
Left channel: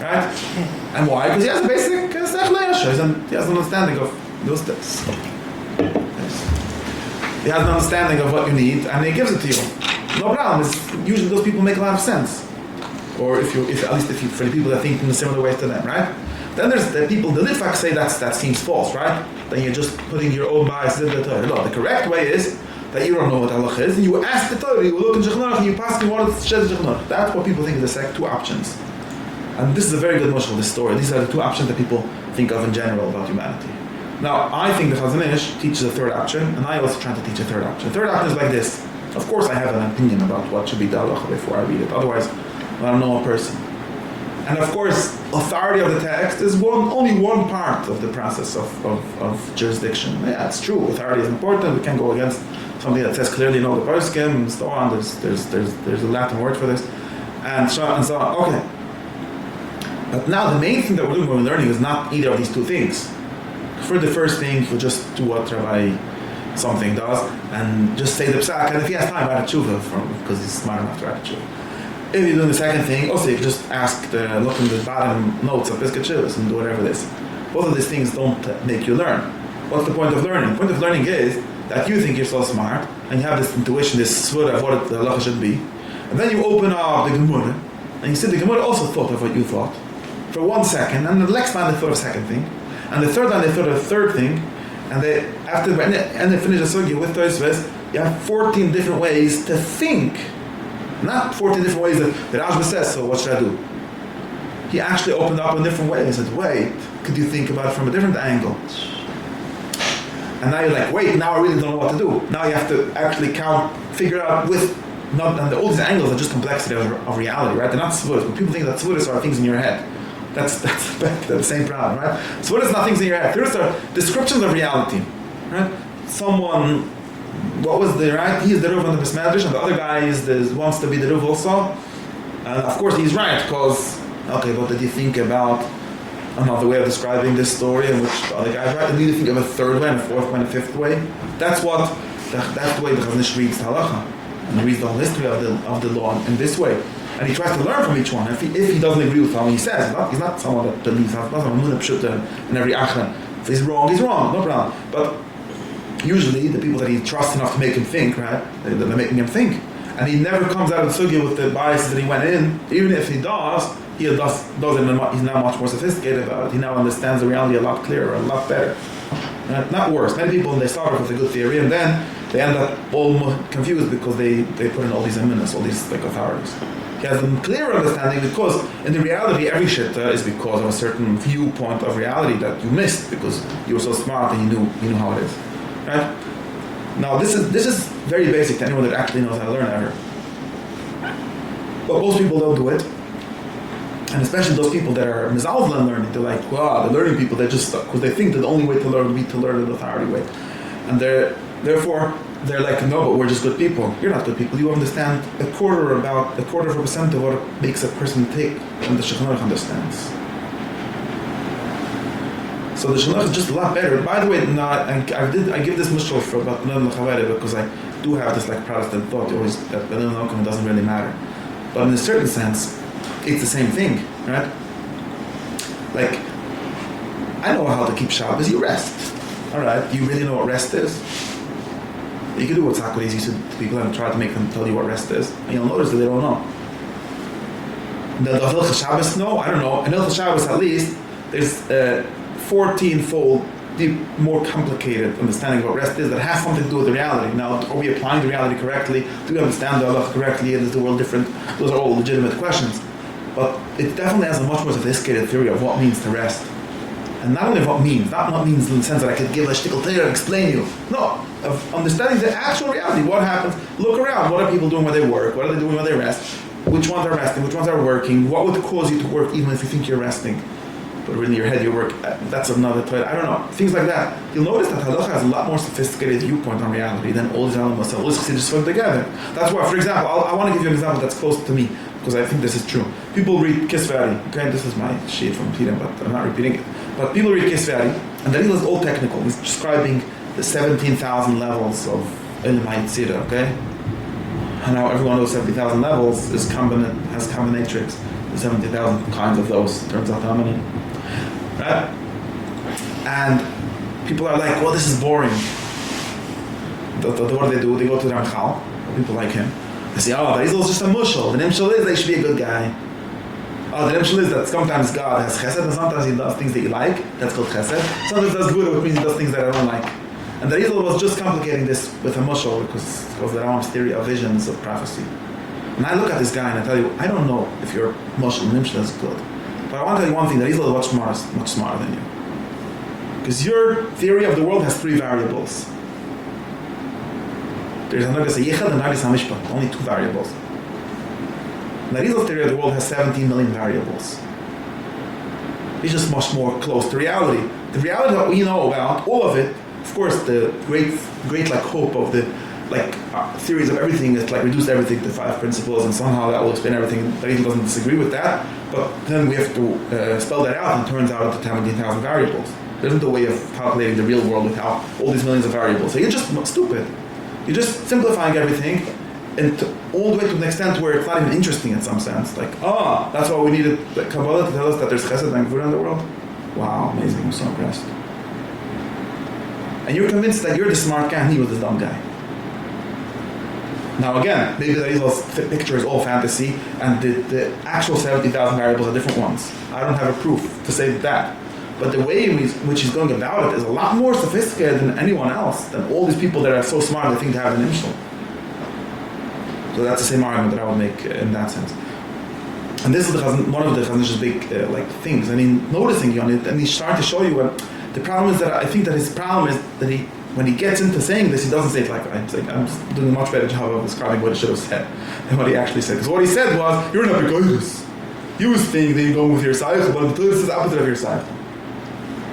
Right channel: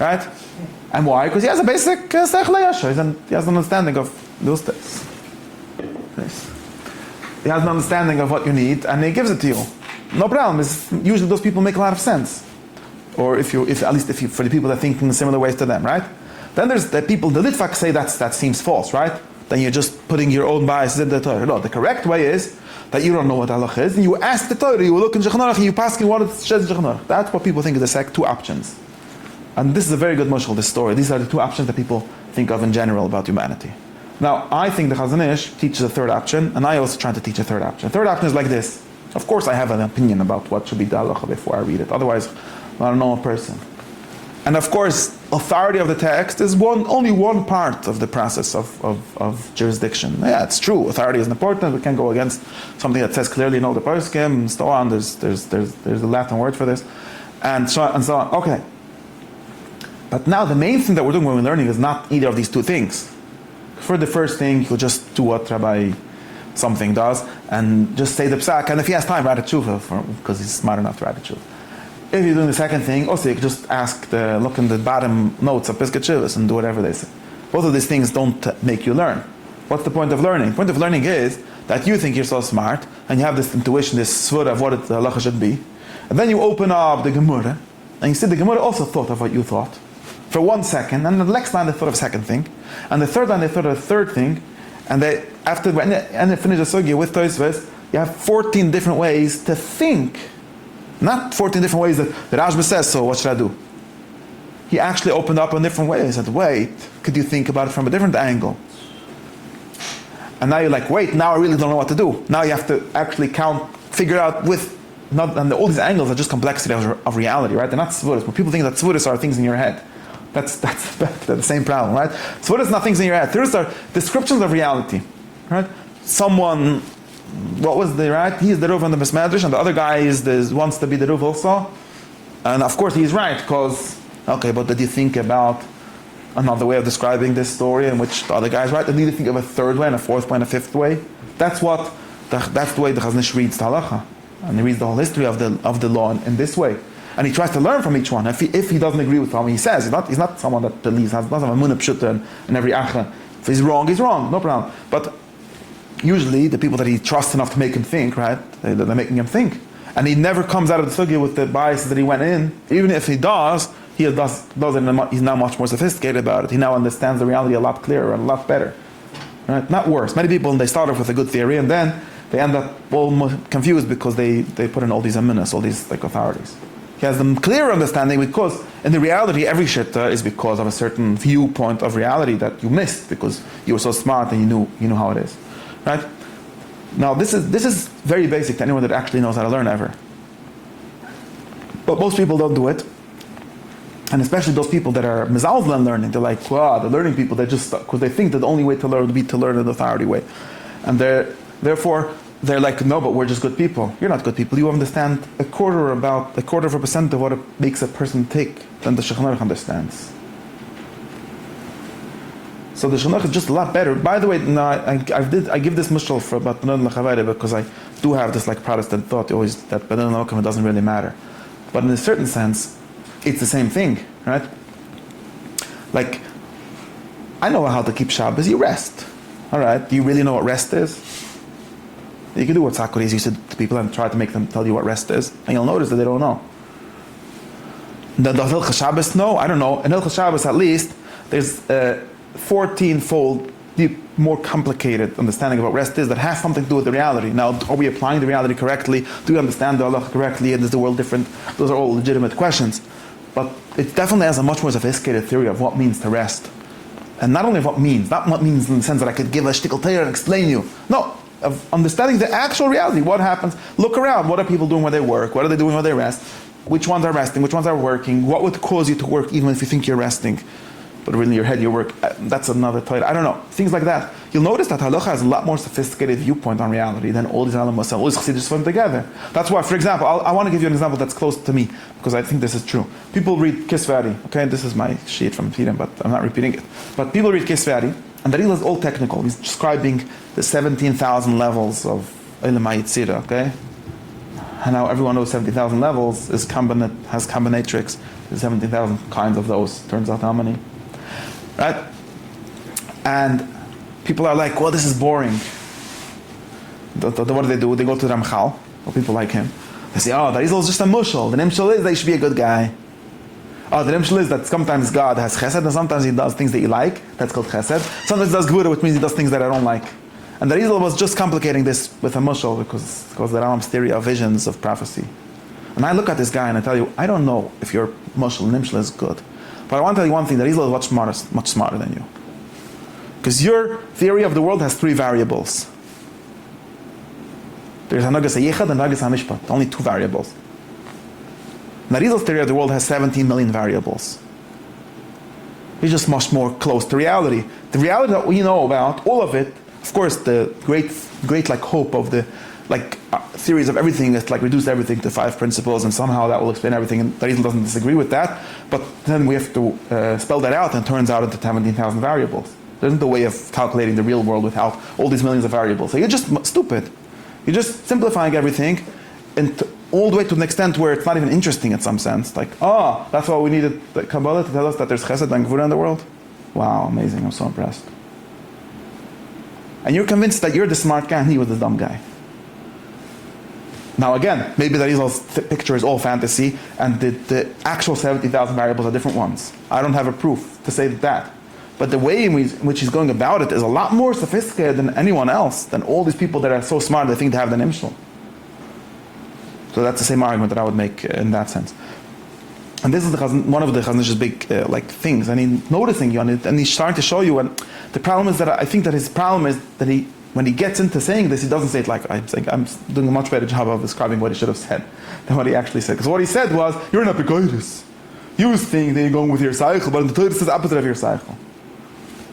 Right? And why? Because he has a basic sech le'yasha, he has an understanding of those things. He has an understanding of what you need, and he gives it to you. No problem. Usually those people make a lot of sense. Or at least for the people that think in a similar way to them, right? Then there's the people, the Litvak say that seems false, right? Then you're just putting your own biases in the Torah. No, the correct way is that you don't know what halacha is, and you ask the Torah, you look in Shulchan Aruch, and you pass me what it says in Shulchan Aruch. That's what people think is the two options. And this is a very good mushal, this story. These are the two options that people think of in general about humanity. Now, I think the Chazon Ish teaches a third option, and I also try to teach a third option. The third option is like this. Of course, I have an opinion about what should be the halacha before I read it. Otherwise, I don't know a person. And of course, authority of the text is only one part of the process of jurisdiction. Yeah, it's true. Authority is important. We can't go against something that says clearly no the poskim and so on. There's a Latin word for this, and so on and so on. Okay. But now the main thing that we're doing when we're learning is not either of these two things. For the first thing, you'll just do what Rabbi something does, and just say the psak, and if he has time, write a tshuva because he's smart enough to write a tshuva. If you're doing the second thing, also you just look in the bottom notes of Pesach Chivas and do whatever they say. Both of these things don't make you learn. What's the point of learning? The point of learning is that you think you're so smart, and you have this intuition, this svur of what the halacha should be, and then you open up the Gemara, and you see the Gemara also thought of what you thought for 1 second, and the next time they thought of a second thing, and the third time they thought of a third thing, and they finish the sugya with Tosfos, you have 14 different ways to think. Not 14 different ways that Rashba says, so what should I do? He actually opened up in different ways. He said, wait, could you think about it from a different angle? And now you're like, wait, now I really don't know what to do. Now you have to actually figure out and all these angles are just complexity of reality, right? They're not svuras. But people think that svuras are things in your head. That's the same problem, right? Svuras are not things in your head. Svuras are descriptions of reality, right? Someone, what was the right? He's the Ruv on the medrash, and the other guy wants to be the Ruv also. And of course he's right, because, okay, but did you think about another way of describing this story in which the other guy's right? And did you think of a third way, and a fourth way, and a fifth way? That's the way the Chazon Ish reads the halacha. And he reads the whole history of the law in this way. And he tries to learn from each one. If he doesn't agree with what he says, he's not someone that believes, has a munah pshuta in every achra. If he's wrong, no problem. But usually the people that he trusts enough to make him think, right, they're making him think. And he never comes out of the sugya with the bias that he went in. Even if he does, he's now much more sophisticated about it. He now understands the reality a lot clearer and a lot better. Right? Not worse. Many people, they start off with a good theory, and then they end up all confused because they put in all these aminos, all these authorities. He has a clear understanding because in the reality every shitta is because of a certain viewpoint of reality that you missed because you were so smart and you knew how it is. Right? Now this is very basic to anyone that actually knows how to learn ever. But most people don't do it. And especially those people that are mizalzel in learning, they're like, wow, the learning people, they just, because they think that the only way to learn would be to learn an authority way. And therefore, they're like, no, but we're just good people. You're not good people. You understand a quarter of a percent of what it makes a person take than the Shulchan Aruch understands. So the Shulchan Aruch is just a lot better. By the way, I give this mushal for about because I do have this Protestant thought always that Benin Malcolm doesn't really matter. But in a certain sense, it's the same thing, right? Like, I know how to keep Shabbos. You rest. All right. Do you really know what rest is? You can do what Sakharis used to people and try to make them tell you what rest is, and you'll notice that they don't know. The Hilchos Shabbos, no, I don't know. In Hilchos Shabbos, at least, there's a 14-fold more complicated understanding of what rest is that has something to do with the reality. Now, are we applying the reality correctly? Do we understand the halacha correctly? And is the world different? Those are all legitimate questions. But it definitely has a much more sophisticated theory of what means to rest. And not only what means, not what means in the sense that I could give a shtickle Torah and explain you. No, of understanding the actual reality. What happens? Look around. What are people doing where they work? What are they doing where they rest? Which ones are resting? Which ones are working? What would cause you to work even if you think you're resting? But really in your head you work. That's another Torah. I don't know. Things like that. You'll notice that halacha has a lot more sophisticated viewpoint on reality than all these elements of all these Chassidus put together. That's why, for example, I want to give you an example that's close to me because I think this is true. People read Kisvari. Okay, this is my sheet from Peter, but I'm not repeating it. But people read Kisvari, and the is all technical. He's describing the 17,000 levels of Ilm HaYetzirah, okay? And now everyone knows 70,000 levels has combinatrix. There's 70,000 kinds of those. Turns out how many? Right? And people are like, well, this is boring. What do they do? They go to the Ramchal, or people like him. They say, oh, the Rizal is just a mushal. The nimshal is that he should be a good guy. Oh, the nimshal is that sometimes God has chesed, and sometimes he does things that you like. That's called chesed. Sometimes he does gvura, which means he does things that I don't like. And the Rizal was just complicating this with a mushal because the Rambam's theory of visions of prophecy. And I look at this guy and I tell you, I don't know if your mushal nimshal is good. But I want to tell you one thing, that Israel is much smarter than you. Because your theory of the world has 3 variables. There's Hanagas HaYichad and Hanagas HaMishpat, only 2 variables. Narizal's theory of the world has 17 million variables. It's just much more close to reality. The reality that we know about, all of it, of course, the great like hope of the theories of everything is like reduce everything to 5 principles, and somehow that will explain everything. And Narizal doesn't disagree with that, but then we have to spell that out, and it turns out into 17,000 variables. There isn't a way of calculating the real world without all these millions of variables. So you're just stupid. You're just simplifying everything, and all the way to an extent where it's not even interesting in some sense. Like, that's why we needed the Kabbalah to tell us that there's Chesed and Gvura in the world? Wow, amazing, I'm so impressed. And you're convinced that you're the smart guy and he was the dumb guy. Now again, maybe that Israel's picture is all fantasy, and the actual 70,000 variables are different ones. I don't have a proof to say that. But the way in which he's going about it is a lot more sophisticated than anyone else, than all these people that are so smart they think they have the Nimshal. So that's the same argument that I would make in that sense. And this is one of the Chazon Ish's big things. And he's noticing you on it, and he's starting to show you. And the problem is that I think that his problem is that when he gets into saying this, he doesn't say it like I'm doing a much better job of describing what he should have said than what he actually said. Because what he said was, you're not beis. You think that you're going with your cycle, but the Torah is the opposite of your cycle.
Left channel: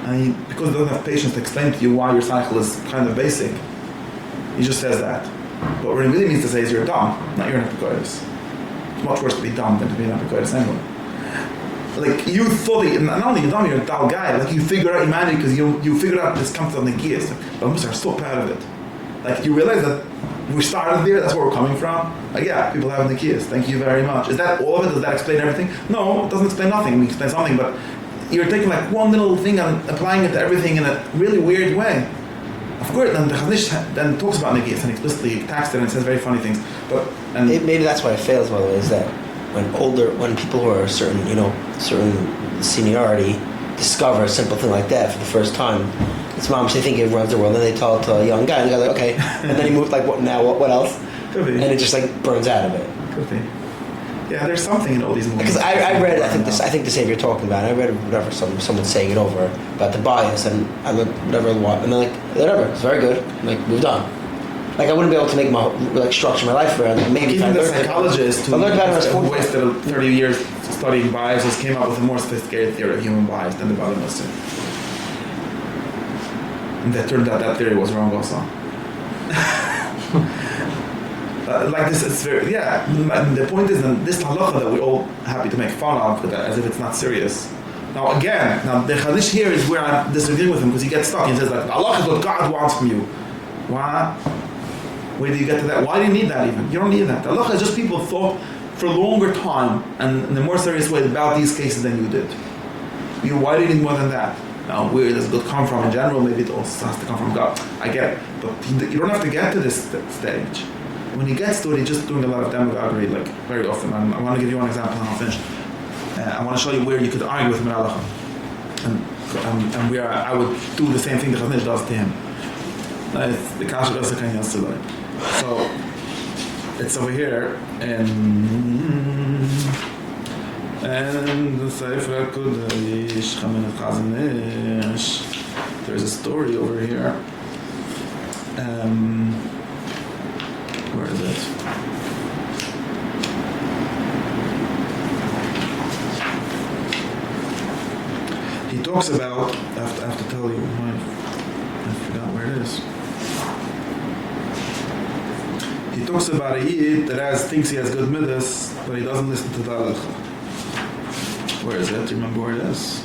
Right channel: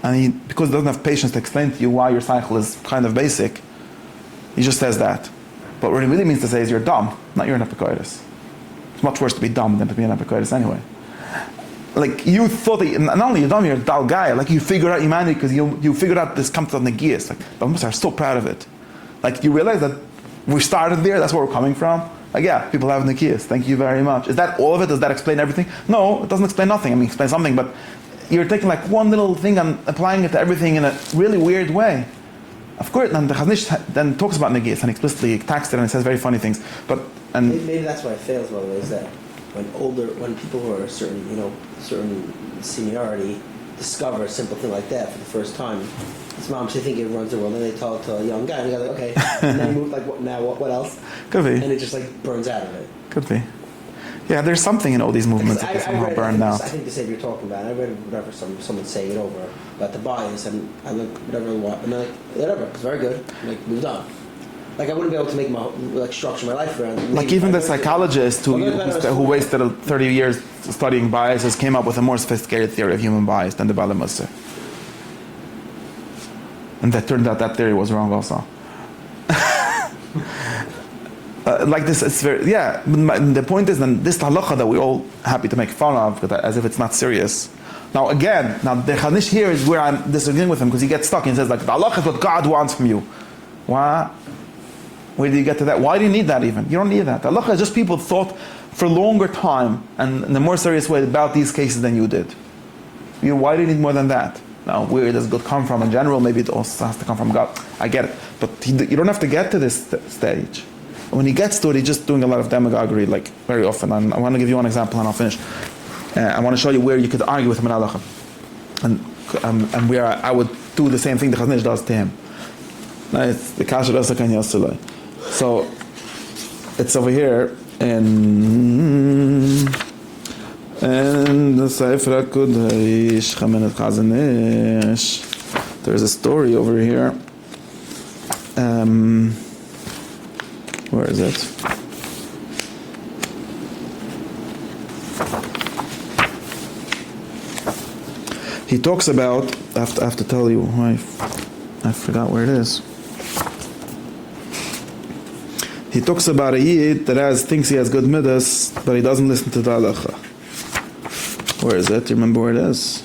And because he doesn't have patience to explain to you why your cycle is kind of basic, he just says that. But what he really means to say is you're dumb, not you're an epicoides. It's much worse to be dumb than to be an epicoides anyway. Like, you thought that not only you're dumb, you're a dull guy. Like, you figured out humanity because you figured out this concept of negias. Like, but Mussar, I'm so proud of it. Like, you realize that we started there, that's where we're coming from? Like, yeah, people have negias, thank you very much. Is that all of it? Does that explain everything? No, it doesn't explain nothing. I mean, it explains something, but you're taking like one little thing and applying it to everything in a really weird way. Of course, then the Chazon Ish then talks about negias and explicitly attacks it and says very funny things. But maybe that's why it fails, by the way, is that when people who are certain seniority discover a simple thing like that for the first time, it's moms, they think it runs the world, and then they tell it to a young guy, and they're like, okay, and then he moves like, what else? Could be. And it just like burns out of it. Could be. Yeah, there's something in all these movements. Because I read, I think the same you're talking about. I read whatever someone saying it over about the bias, and I looked whatever, and I'm like, whatever, it's very good. I'm like, moved on. Like, I wouldn't be able to make my structure my life around. Maybe even the psychologist who wasted 30 years studying biases came up with a more sophisticated theory of human bias than the Bala Mussar. And that turned out that theory was wrong also. Like this, it's very, yeah. The point is, then this halacha that we're all happy to make fun of, as if it's not serious. Now again, the Chazon Ish here is where I'm disagreeing with him, because he gets stuck. He says like, the halacha is what God wants from you. Why? Where do you get to that? Why do you need that even? You don't need that. The halacha is just people thought for a longer time and in a more serious way about these cases than you did. Why do you need more than that? Now, where does good come from in general? Maybe it also has to come from God. I get it. But you don't have to get to this stage. When he gets to it, he's just doing a lot of demagoguery, like very often. And I want to give you one example, and I'll finish. I want to show you where you could argue with him in halacha, and where I would do the same thing the Chazon Ish does to him. It's the kasher does the. So it's over here in the Sefer HaKodesh, Chazon Ish. There's a story over here. Where is it? He talks about, I have to tell you, I forgot where it is. He talks about a Yid that thinks he has good middos, but he doesn't listen to the halacha. Where is it? Do you remember where it is?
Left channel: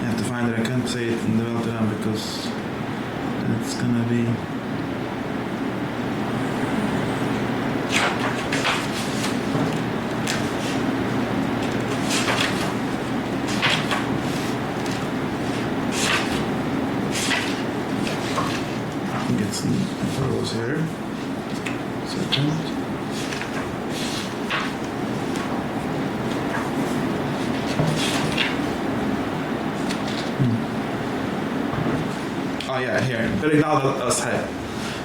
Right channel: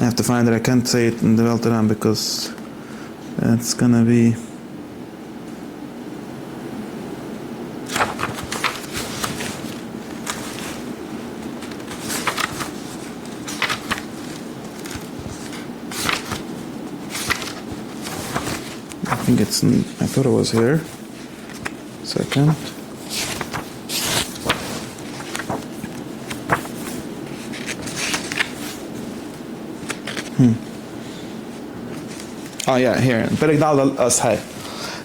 I have to find it. I can't say it in the Welteran because it's gonna be. I think it's in, I thought it was here. Second. yeah, here.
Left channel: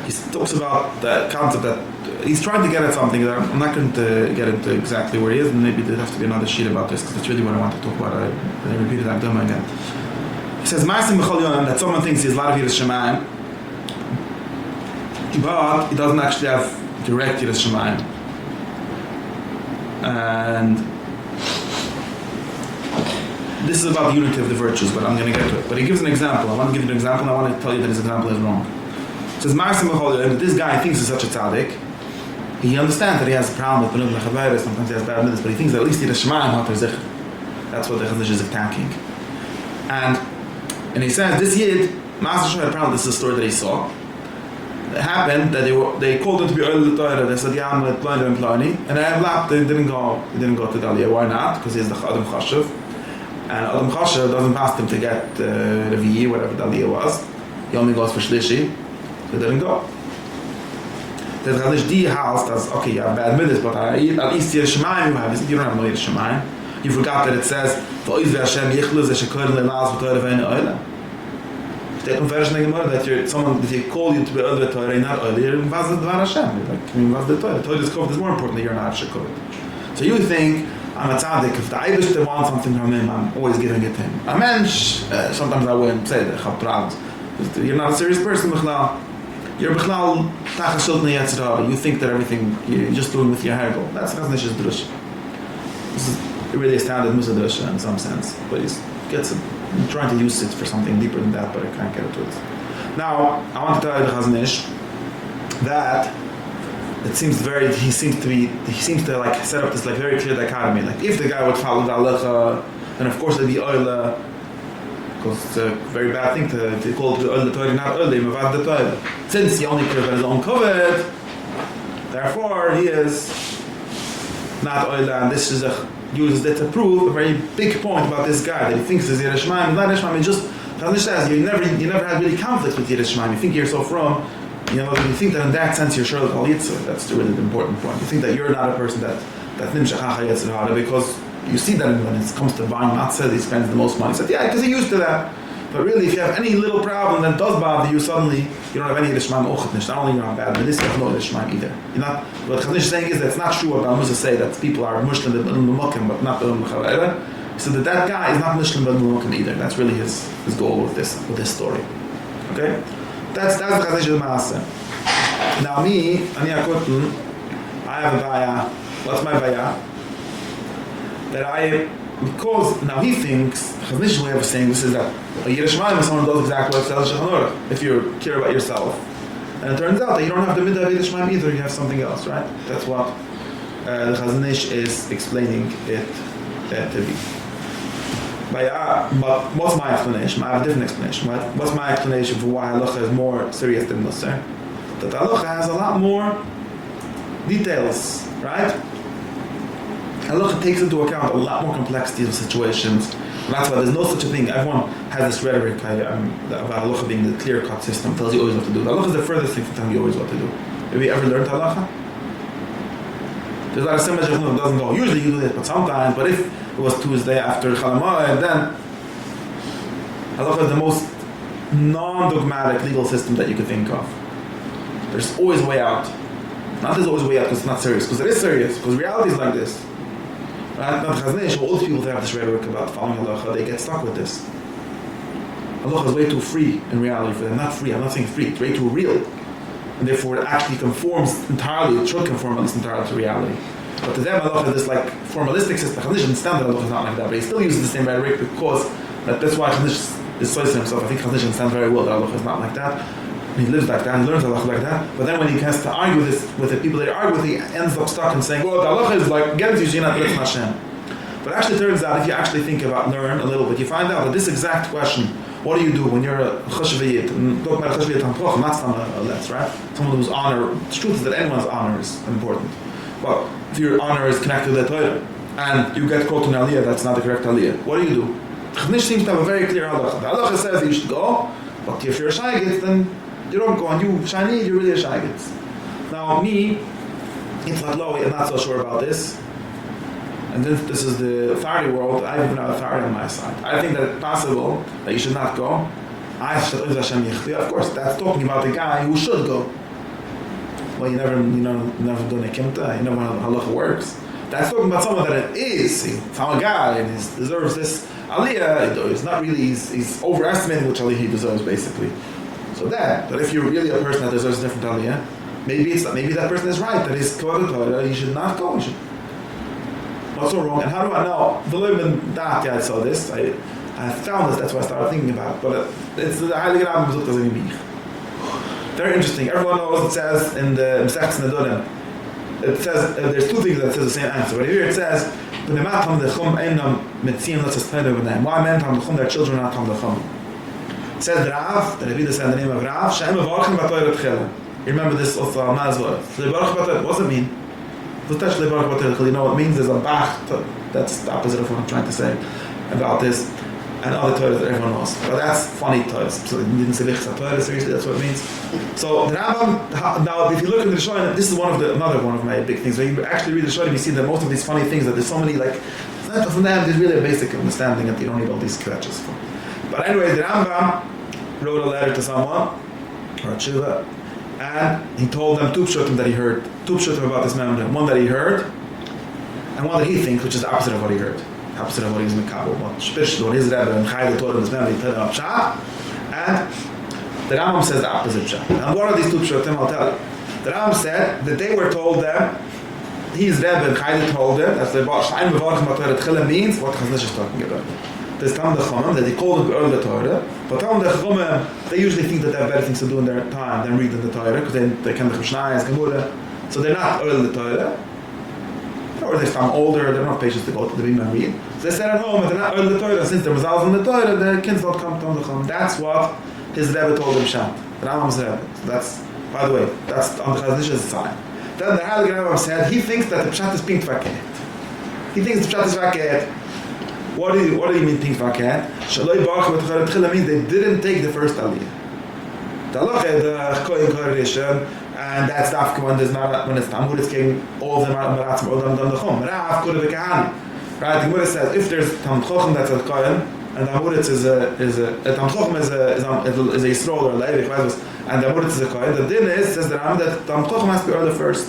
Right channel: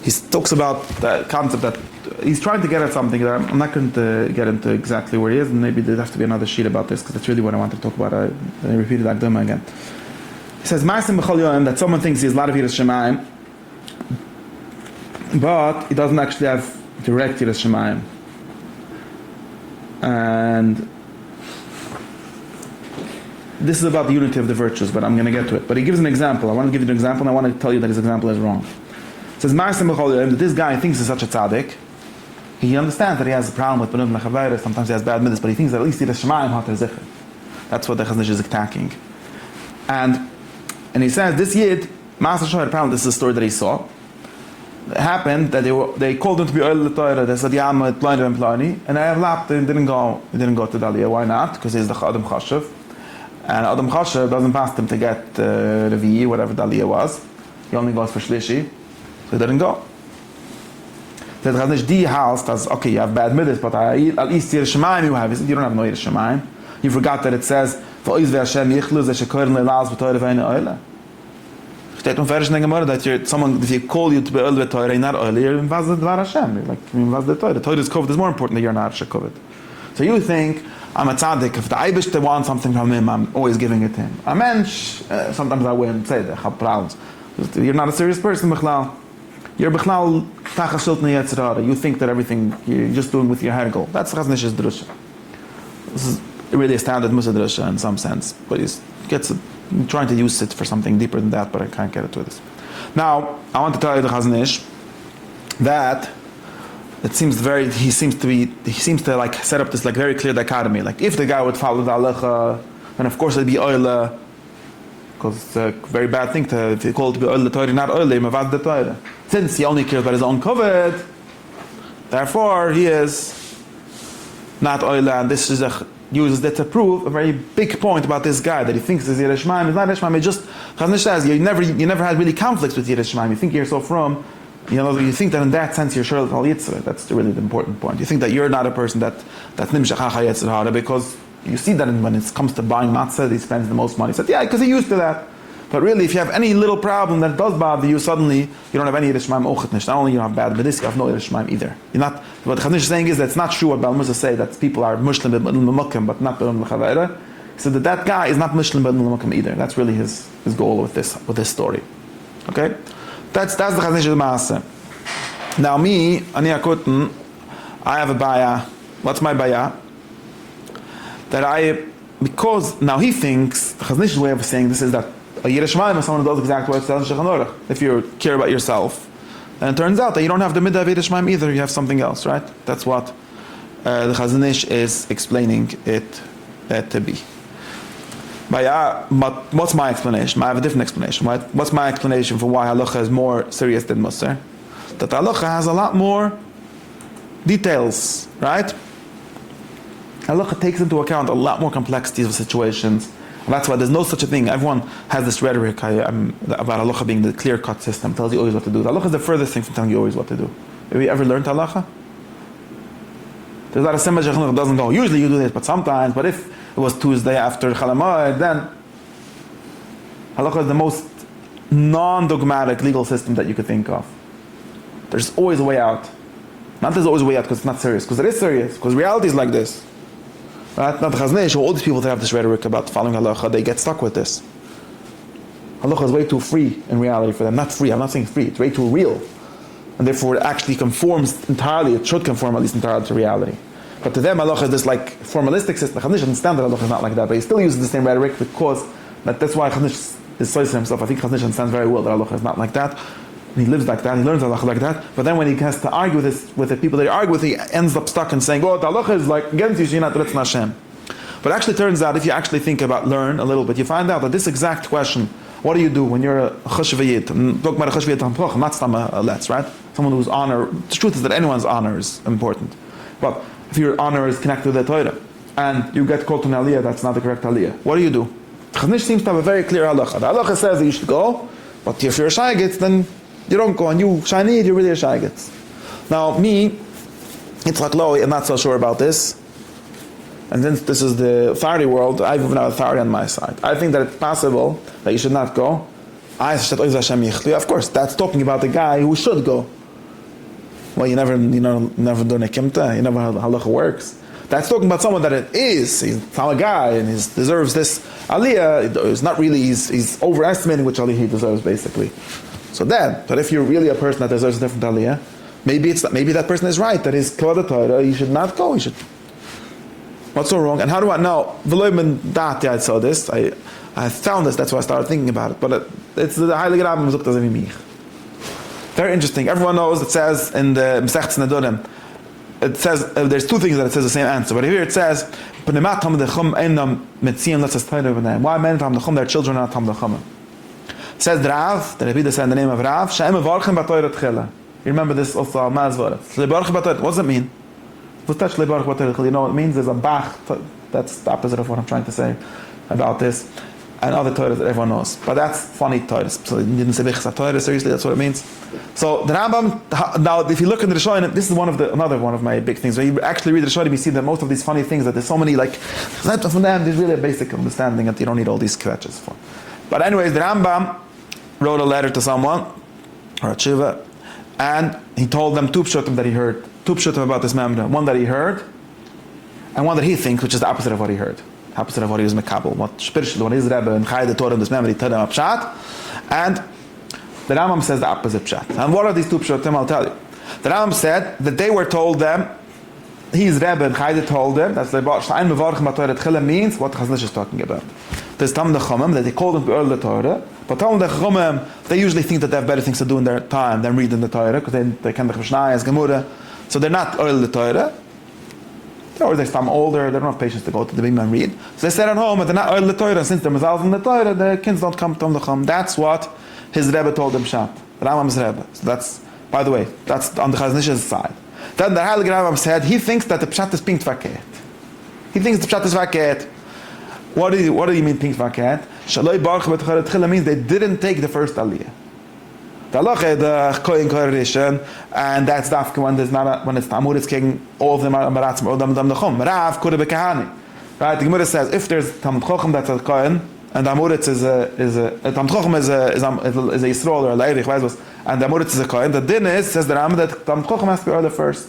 He talks about the concept that he's trying to get at something that I'm not going to get into exactly where he is, and maybe there'd have to be another sheet about this because that's really what I want to talk about. I repeated that demo again. He says, that someone thinks he's a lot of Yiras Shemayim, but he doesn't actually have direct Yiras Shemayim. And this is about the unity of the virtues, but I'm going to get to it. But he gives an example. I want to give you an example, and I want to tell you that his example is wrong. It says, that this guy thinks he's such a tzaddik. He understands that he has a problem with Benud Mechabayra, sometimes he has bad middos, but he thinks that at least he has Shemayim Hater Zich. That's what the Chazon Ish is attacking. And he says, this Yid, Master Shoy had a problem, this is a story that he saw. It happened that they called him to be Oil Torah. They said, yeah, I'm blind and plani. And they didn't go to Dalia. Why not? Because he's the Adam Chashiv. And Adam Chashiv doesn't pass him to get Revi'i, whatever Dalia was. He only goes for Shlishi. So they didn't go. The Chazon Ish, die house, that's okay, you have bad middos, but at least Yiras Shemayim you have. You don't have no Yiras Shemayim. You forgot that it says, V'oiz ve'Hashem yichlu ze shekorin le'laz v'toyre ve'ene oile. Steht Vers in the Gemara that if you call you to be oil Torah, you're not oil, you're was the Dvar Hashem. Was the Torah. Torah is covered. It's more important that you're not covered. So you think, I'm a tzaddik, if the Eibishter wants something from him, I'm always giving it to him. A mensch, sometimes I wouldn't say that, I'm proud. You're not a serious person, Bichlal. You're Bichlal, Tachas Shultni Yetzirah. You think that everything you're just doing with your hagel. That's Chazon Ish's drush. This is really a standard Mussar drusha in some sense, but he gets it. I'm trying to use it for something deeper than that, but I can't get it to it. Now, I want to tell you the Chazon Ish that it seems he seems to like set up this like very clear dichotomy. Like if the guy would follow the halacha, then of course it'd be oila, because it's a very bad thing to call the oila Torah, not oila, mavad the Torah. Since he only cares about his own covet, therefore he is not oila, and this is uses it to prove a very big point about this guy that he thinks is Yiras Shemayim, but not Yiras Shemayim. Just Chazon Ish says you never had really conflicts with Yiras Shemayim. You think you're so from, you think that in that sense you're sure Al Yitzhak. That's really the important point. You think that you're not a person that nimshach Yitzhak because you see that when it comes to buying matzah, he spends the most money. He said, yeah, because he's used to that. But really, if you have any little problem that does bother you, suddenly you don't have any Yiras Shemayim Ochet. Not only you have bad middos, you have no Yiras Shemayim either. You're not. What Chazon Ish is saying is that it's not true what Mussar say that people are Muslim in L'mukim, but not in L'chabayra. He said that guy is not Muslim in L'mukim either. That's really his goal with this story. Okay, that's the Chazon Ish's Maaseh. Now me, Ani Akoten, I have a baya. What's my baya? That because now he thinks Chazon Ish's way of saying this is that a Yiras Shemayim is someone who does exactly what it says in Shulchan Aruch. If you care about yourself. And it turns out that you don't have the midah of Yiras Shemayim either, you have something else, right? That's what the Chazon Ish is explaining it to be. But what's my explanation? I have a different explanation. Right? What's my explanation for why halacha is more serious than Mussar? That halacha has a lot more details, right? Halacha takes into account a lot more complexities of situations. And that's why there's no such a thing. Everyone has this rhetoric about halacha being the clear-cut system, tells you always what to do. The halacha is the furthest thing from telling you always what to do. Have you ever learned halacha? There's a lot of simplistic that doesn't go, usually you do this, but sometimes, but if it was Tuesday after Chalamoid, then halacha is the most non-dogmatic legal system that you could think of. There's always a way out. Not there's always a way out because it's not serious, because it is serious, because reality is like this. Right? Not the Chazon Ish, all these people that have this rhetoric about following halacha, they get stuck with this. Halacha is way too free in reality for them. Not free, I'm not saying free, it's way too real. And therefore it actually conforms entirely, it should conform at least entirely to reality. But to them halacha is this like formalistic system. Chazon Ish understands that halacha is not like that, but he still uses the same rhetoric because that's why Chazon Ish is so himself. I think Chazon Ish understands very well that halacha is not like that. He lives like that, he learns halacha like that, but then when he has to argue this with the people that he argue with, he ends up stuck in saying, oh, the halacha is like against you, so you're not B'ritzon Hashem. But actually it turns out, if you actually think about, learn a little bit, you find out that this exact question, what do you do when you're a chashvayit? Talk about a chashvayit tampoch, not some let's, right? Someone whose honor, the truth is that anyone's honor is important. Well, if your honor is connected to the Torah, and you get called to an aliyah, that's not the correct aliyah, what do you do? Chazon Ish seems to have a very clear halacha. The halacha says that you should go, but if you're a shaygit, then you don't go, and you shiny, you're really a shaygit. Now, me, it's like low, I'm not so sure about this. And since this is the authority world, I've even have authority on my side. I think that it's possible that you should not go, Of course, that's talking about the guy who should go. Well, you never do nekimta, you never know how halacha works. That's talking about someone that it is. He's a guy and he deserves this aliyah. It's not really, he's overestimating which aliyah he deserves, basically. So but if you're really a person that deserves a different aliyah, maybe that person is right, that is kavod Torah, you should not go, what's so wrong? And how do I know? I saw this, I found this, that's why I started thinking about it. But it's the Heilige Rabbim Besucht as in mich. Very interesting. Everyone knows it says in the Mesechtes Nedorim, it says, there's two things that it says the same answer. But here it says, why men Talmid Chacham, their children are not Talmid Chacham? It says Rav, the Rebbe said in the name of Rav, She'em Mevarchen B'Torah Tchila. You remember this also, what does it mean? What's that Shleibarach B'Torah? You know what it means? There's a bach, that's the opposite of what I'm trying to say about this, and other Torahs that everyone knows. But that's funny Torahs. So you didn't say Bechsa Torah, seriously, that's what it means. So the Rambam, now if you look into the Shonim, this is another one of my big things. When you actually read the Shonim, you see that most of these funny things, that there's so many, like, from them, there's really a basic understanding that you don't need all these scratches for. But anyway, the Rambam wrote a letter to someone, or a tshuva, and he told them two pshutim that he heard. Two pshutim about this memra. One that he heard, and one that he thinks, which is the opposite of what he heard. Opposite of what he was mekabel. What spiritual, what his Rebbe and Chai the Torah in this memra, he told them a pshat. And the Rambam says the opposite pshat. And what are these two pshutim? I'll tell you. The Rambam said that they were told them, his Rebbe and Chai told them, that the Shaim Mevarchem B'Torah Tchila means what Chassidus is talking about. There's Talmid Chacham, that they call it early Torah, but Talmid Chacham, they usually think that they have better things to do in their time than reading the Torah, because they can the Mishnah as Gemara, so they're not early Torah, or they're some older, they don't have patience to go to the big man read. So they stay at home, and they're not early Torah, since they're Mazal in the Torah, their kids don't come to Talmid Chacham. That's what his Rebbe told him, Shat, the Rambam's Rebbe. So that's, by the way, that's on the Chazon Ish's side. Then the Heilige Rambam said, he thinks that the Pshat is pink vaket. He thinks the Pshat is vaket. What do you mean pink vaket? Shaloi Baruch B'Torah Tchila means they didn't take the first aliyah. The halacha, the cleaving Torah, and that's the after when it's Tamur, it's king all the Maratzim or Dam Chum. Rav could have been Kahani. Right? The Gemara says if there's Talmid Chacham that's a Kohen, and Amuritz is Talmid Chacham is a Yisrael or a Leirich, and the Amuritz is a Kohen. The din is, says the Rambam, that Talmid Chacham has to be early first.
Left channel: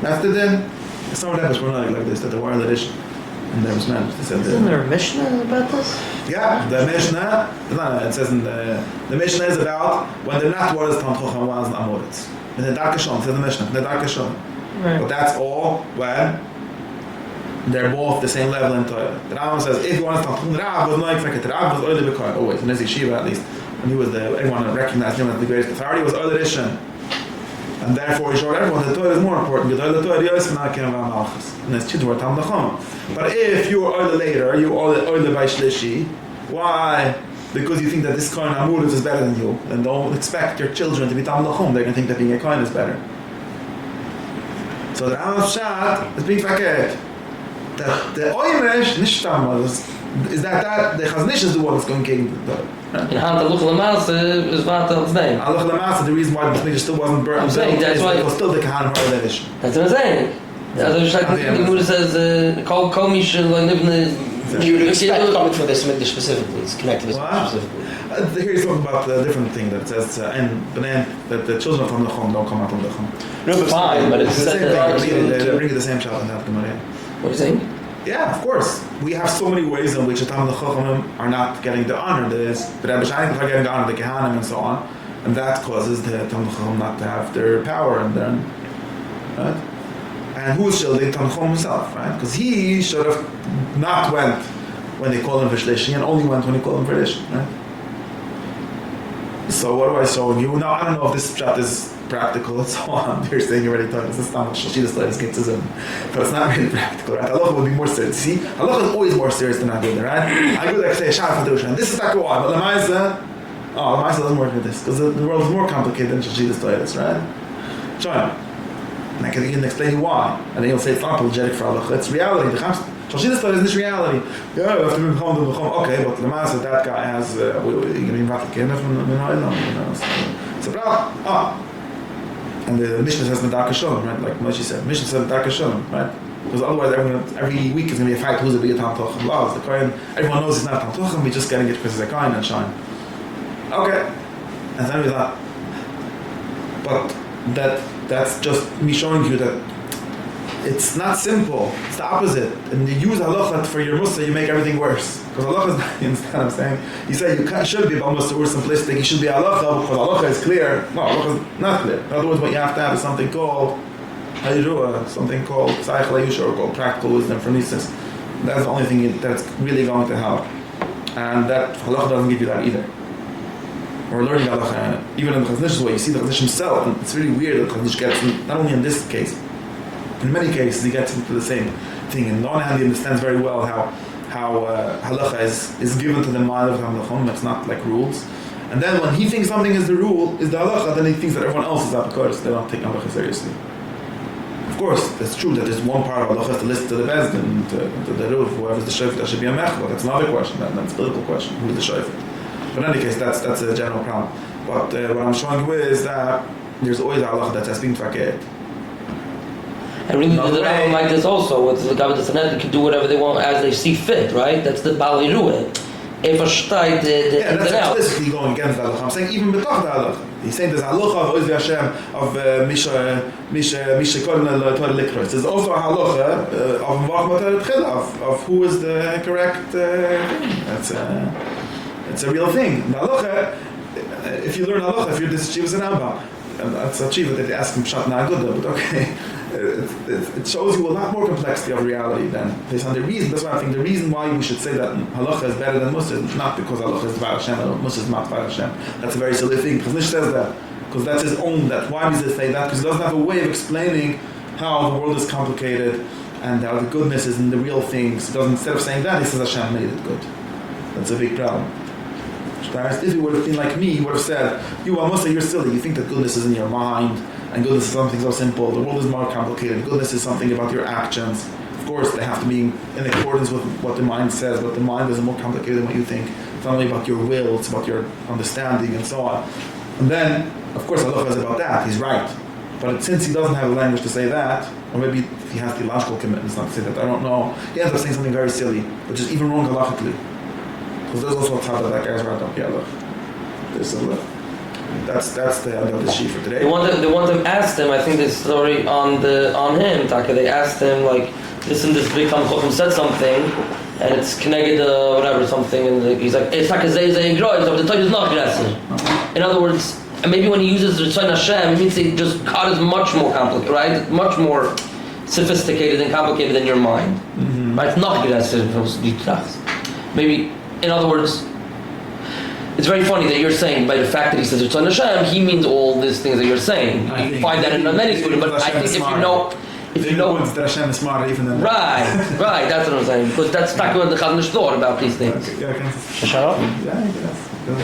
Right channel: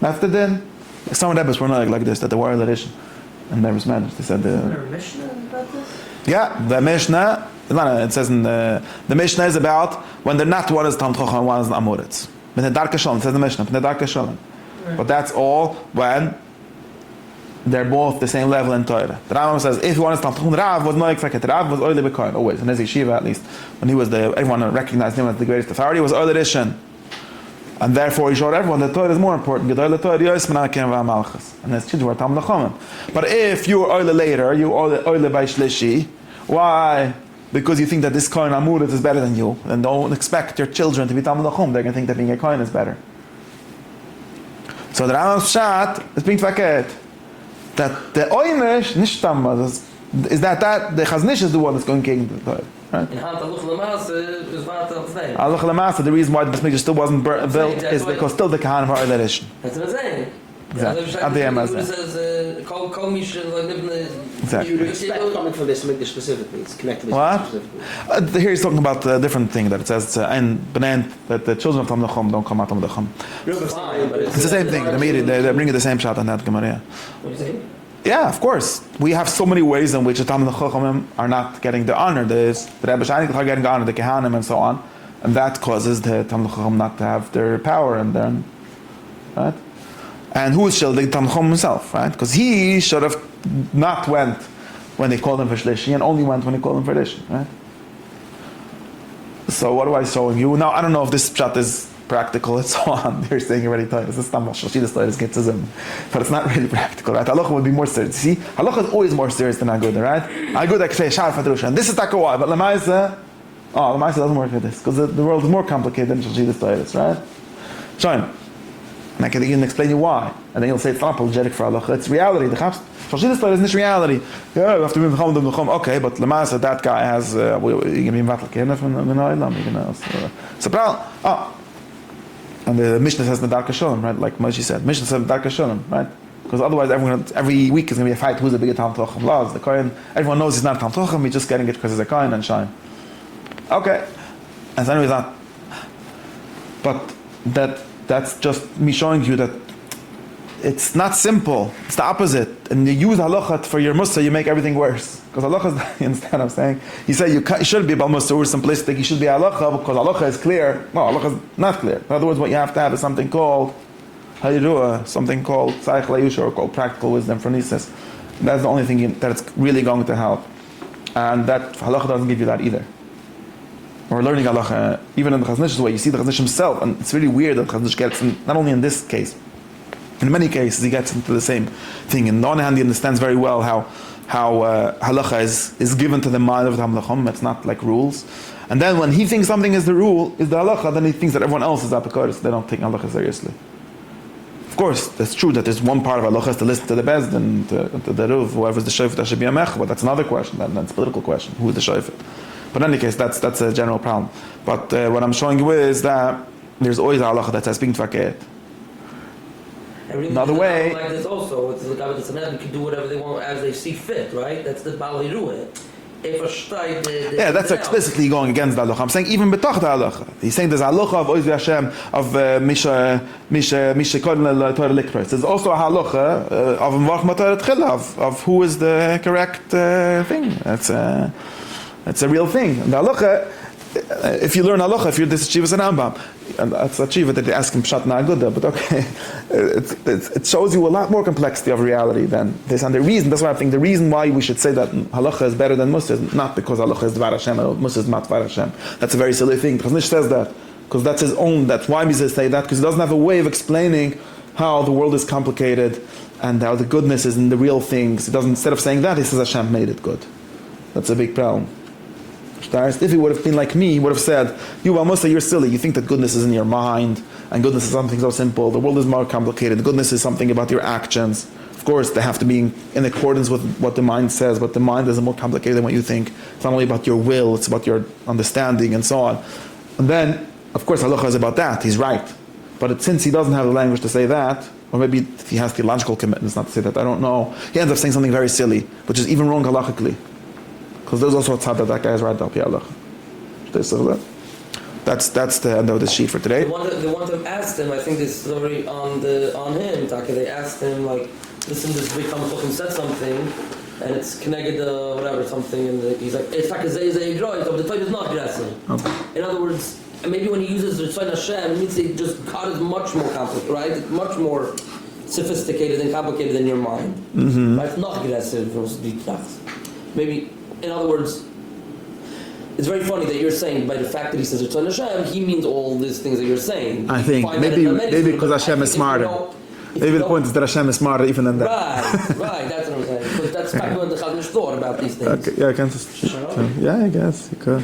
That's the din. Some of them were not like this, that they were early edition. And there was managed. They said Isn't there a Mishnah about this? Yeah, the Mishnah. No, it says in the Mishnah is about when they're not one is Talmid Chacham, one is Amuritz. When they're dark Shon, says the Mishnah. They're dark Shon. Right. But that's all when they're both the same level in Torah. The Rambam says if one is Talmid Chacham, Rav was not exactly. Rav was early b'Kohen always in his yeshiva at least. When he was everyone recognized him as the greatest authority, was early edition. And therefore he showed everyone that Torah is more important. And his children were Talmid Chacham. But if you are early later, you are early by Shlishi, why? Because you think that this Kohen Amuritz is better than you. And don't expect your children to be Talmid Chacham. They're going to think that being a Kohen is better. So the Rambam's Pshat is being vaket. That the Oymesh, Nishtam, is that the Chazon Ish is the one that's going to get the Torah. In hand of Luchel Amasa is Vatal's name. Luchel Amasa, the reason why the Mikdash still wasn't built is because still the Kahanim are early edition. That's what I'm saying. Also ich sage, the Gemara says, komisch, like, you would expect coming from this middos specifically. It's connected to this specifically. Here he's talking about a different thing that it says in Benin that the children from the Chum don't come out from the Chum. Fine, but it's the same thing. They bring the same shot in that Gemara. What are you saying? Yeah, of course. We have so many ways in which the Talmid Chacham are not getting the honor. The Rebbe Shainim are getting the honor, the Kehanim and so on, and that causes the Talmid Chacham not to have their power and their right. And who is shielding Talmid Chacham himself, right? Because he should have not went when they called him for Shlishi and only went when he called him for Lish, right? So what do I show you? Now I don't know if this pshat is practical and so on. They're saying already told us this is not what Chassidus latest gets to but it's not really practical, right? Halacha would be more serious. See, halacha is always more serious than Agudah, right? Agudah can say Shaf Hadrusha, and this is Takawai, but Lamaisa doesn't work with this because the world is more complicated than Chassidus latest, right? Shine. And I can even explain you why. And then you'll say it's not apologetic for halacha, it's reality. The Chassidus latest is this reality. Yeah, we have to be Mecham, okay, but Lamaisa, that guy has, you can be Vatlakim from the Oilam, it's a problem. And the Mishnah says Medarka Shalom, right? Like Moshe said, Mishnah says Medarka Shalom, right? because otherwise every week is going to be a fight who's a bigger Talmid Chacham. Laws, the Kohen, everyone knows he's not a Talmid Chacham, he's just getting it because he's a Kohen and shine. Okay, and anyway that, but that's just me showing you that it's not simple. It's the opposite. And you use halacha for your Mussar, you make everything worse. Because halacha is, you understand what I'm saying? You say you should be about Mussar, we're simplistic, you should be halacha because halacha is clear. No, halacha is not clear. In other words, what you have to have is something called, how do you do it? Something called tzayich le'yusha, or called practical wisdom for nisis. That's the only thing that's really going to help. And that halacha doesn't give you that either. We're learning halacha, even in the Chazon Ish way, you see the Chazon Ish himself, and it's really weird that Chazon Ish gets, not only in this case, in many cases he gets into the same thing. On the one hand, he understands very well how halacha is given to the mind of Talmid Chacham. It's not like rules. And then when he thinks something is the rule, is the halacha, then he thinks that everyone else is apikoros. They don't take halacha seriously. Of course, that's true that there's one part of halacha is to listen to the beis and to the ruv, whoever's the shofet, that should be a mech. But that's another question. That's a political question. Who is the shofet? But in any case, that's a general problem. But what I'm showing you is that there's always a halacha that's being fakir. And really, the like this also, with the government and can do whatever they want as they see fit, right? That's the Bali Rueh. If a shtayt, yeah, that's explicitly going against the halacha. I'm saying even betoch the halacha. He's saying there's a halacha of Oiz Hashem of Misha Kodin Torah Likros. There's also a halacha of Mvach Torah Tchila of who is the correct thing. That's a real thing. And the halacha, if you learn halacha, if you're this Chivas and Ambam, and that's a Chiva that they ask him Pshat Na'aguda, but okay, it shows you a lot more complexity of reality than this. And the reason, that's why I think the reason why we should say that halacha is better than Mussar is not because halacha is Dvar Hashem or Mussar is not Dvar Hashem. That's a very silly thing. Chazon Ish says that because that's his own. That's why he says that, because he doesn't have a way of explaining how the world is complicated and how the goodness is in the real things. He doesn't. Instead of saying that, he says Hashem made it good. That's a big problem. If he would have been like me, he would have said, you Mussar, you're silly. You think that goodness is in your mind, and goodness is something so simple. The world is more complicated. Goodness is something about your actions. Of course, they have to be in accordance with what the mind says, but the mind is more complicated than what you think. It's not only about your will, it's about your understanding and so on. And then, of course, halacha is about that. He's right. But since he doesn't have the language to say that, or maybe if he has theological commitments not to say that, I don't know, he ends up saying something very silly, which is even wrong halachically. Because there's also a tzad that guy's right up here. Look, that's the end of the sheet for today. The one that asked him, I think this story on him, Taka. They asked him like, listen, this big Talmid Chacham said something, and it's connected whatever something, and he's like, it's Taka Zay Groy, so the Torah is not aggressive. In other words, and maybe when he uses Ritzayin Hashem, it means that just God is much more complicated, right? Much more sophisticated and complicated than your mind, right? It's not aggressive. Maybe. In other words, it's very funny that you're saying by the fact that he says Ritzayin Hashem, he means all these things that you're saying. I you find that in many schools, but Hashem is smarter. Maybe the point is that Hashem is smarter even than that. Right, that's what I'm saying. Because that's back when the Chazon Ish thought about these things. Okay, yeah, I can. Yeah, I guess. Okay.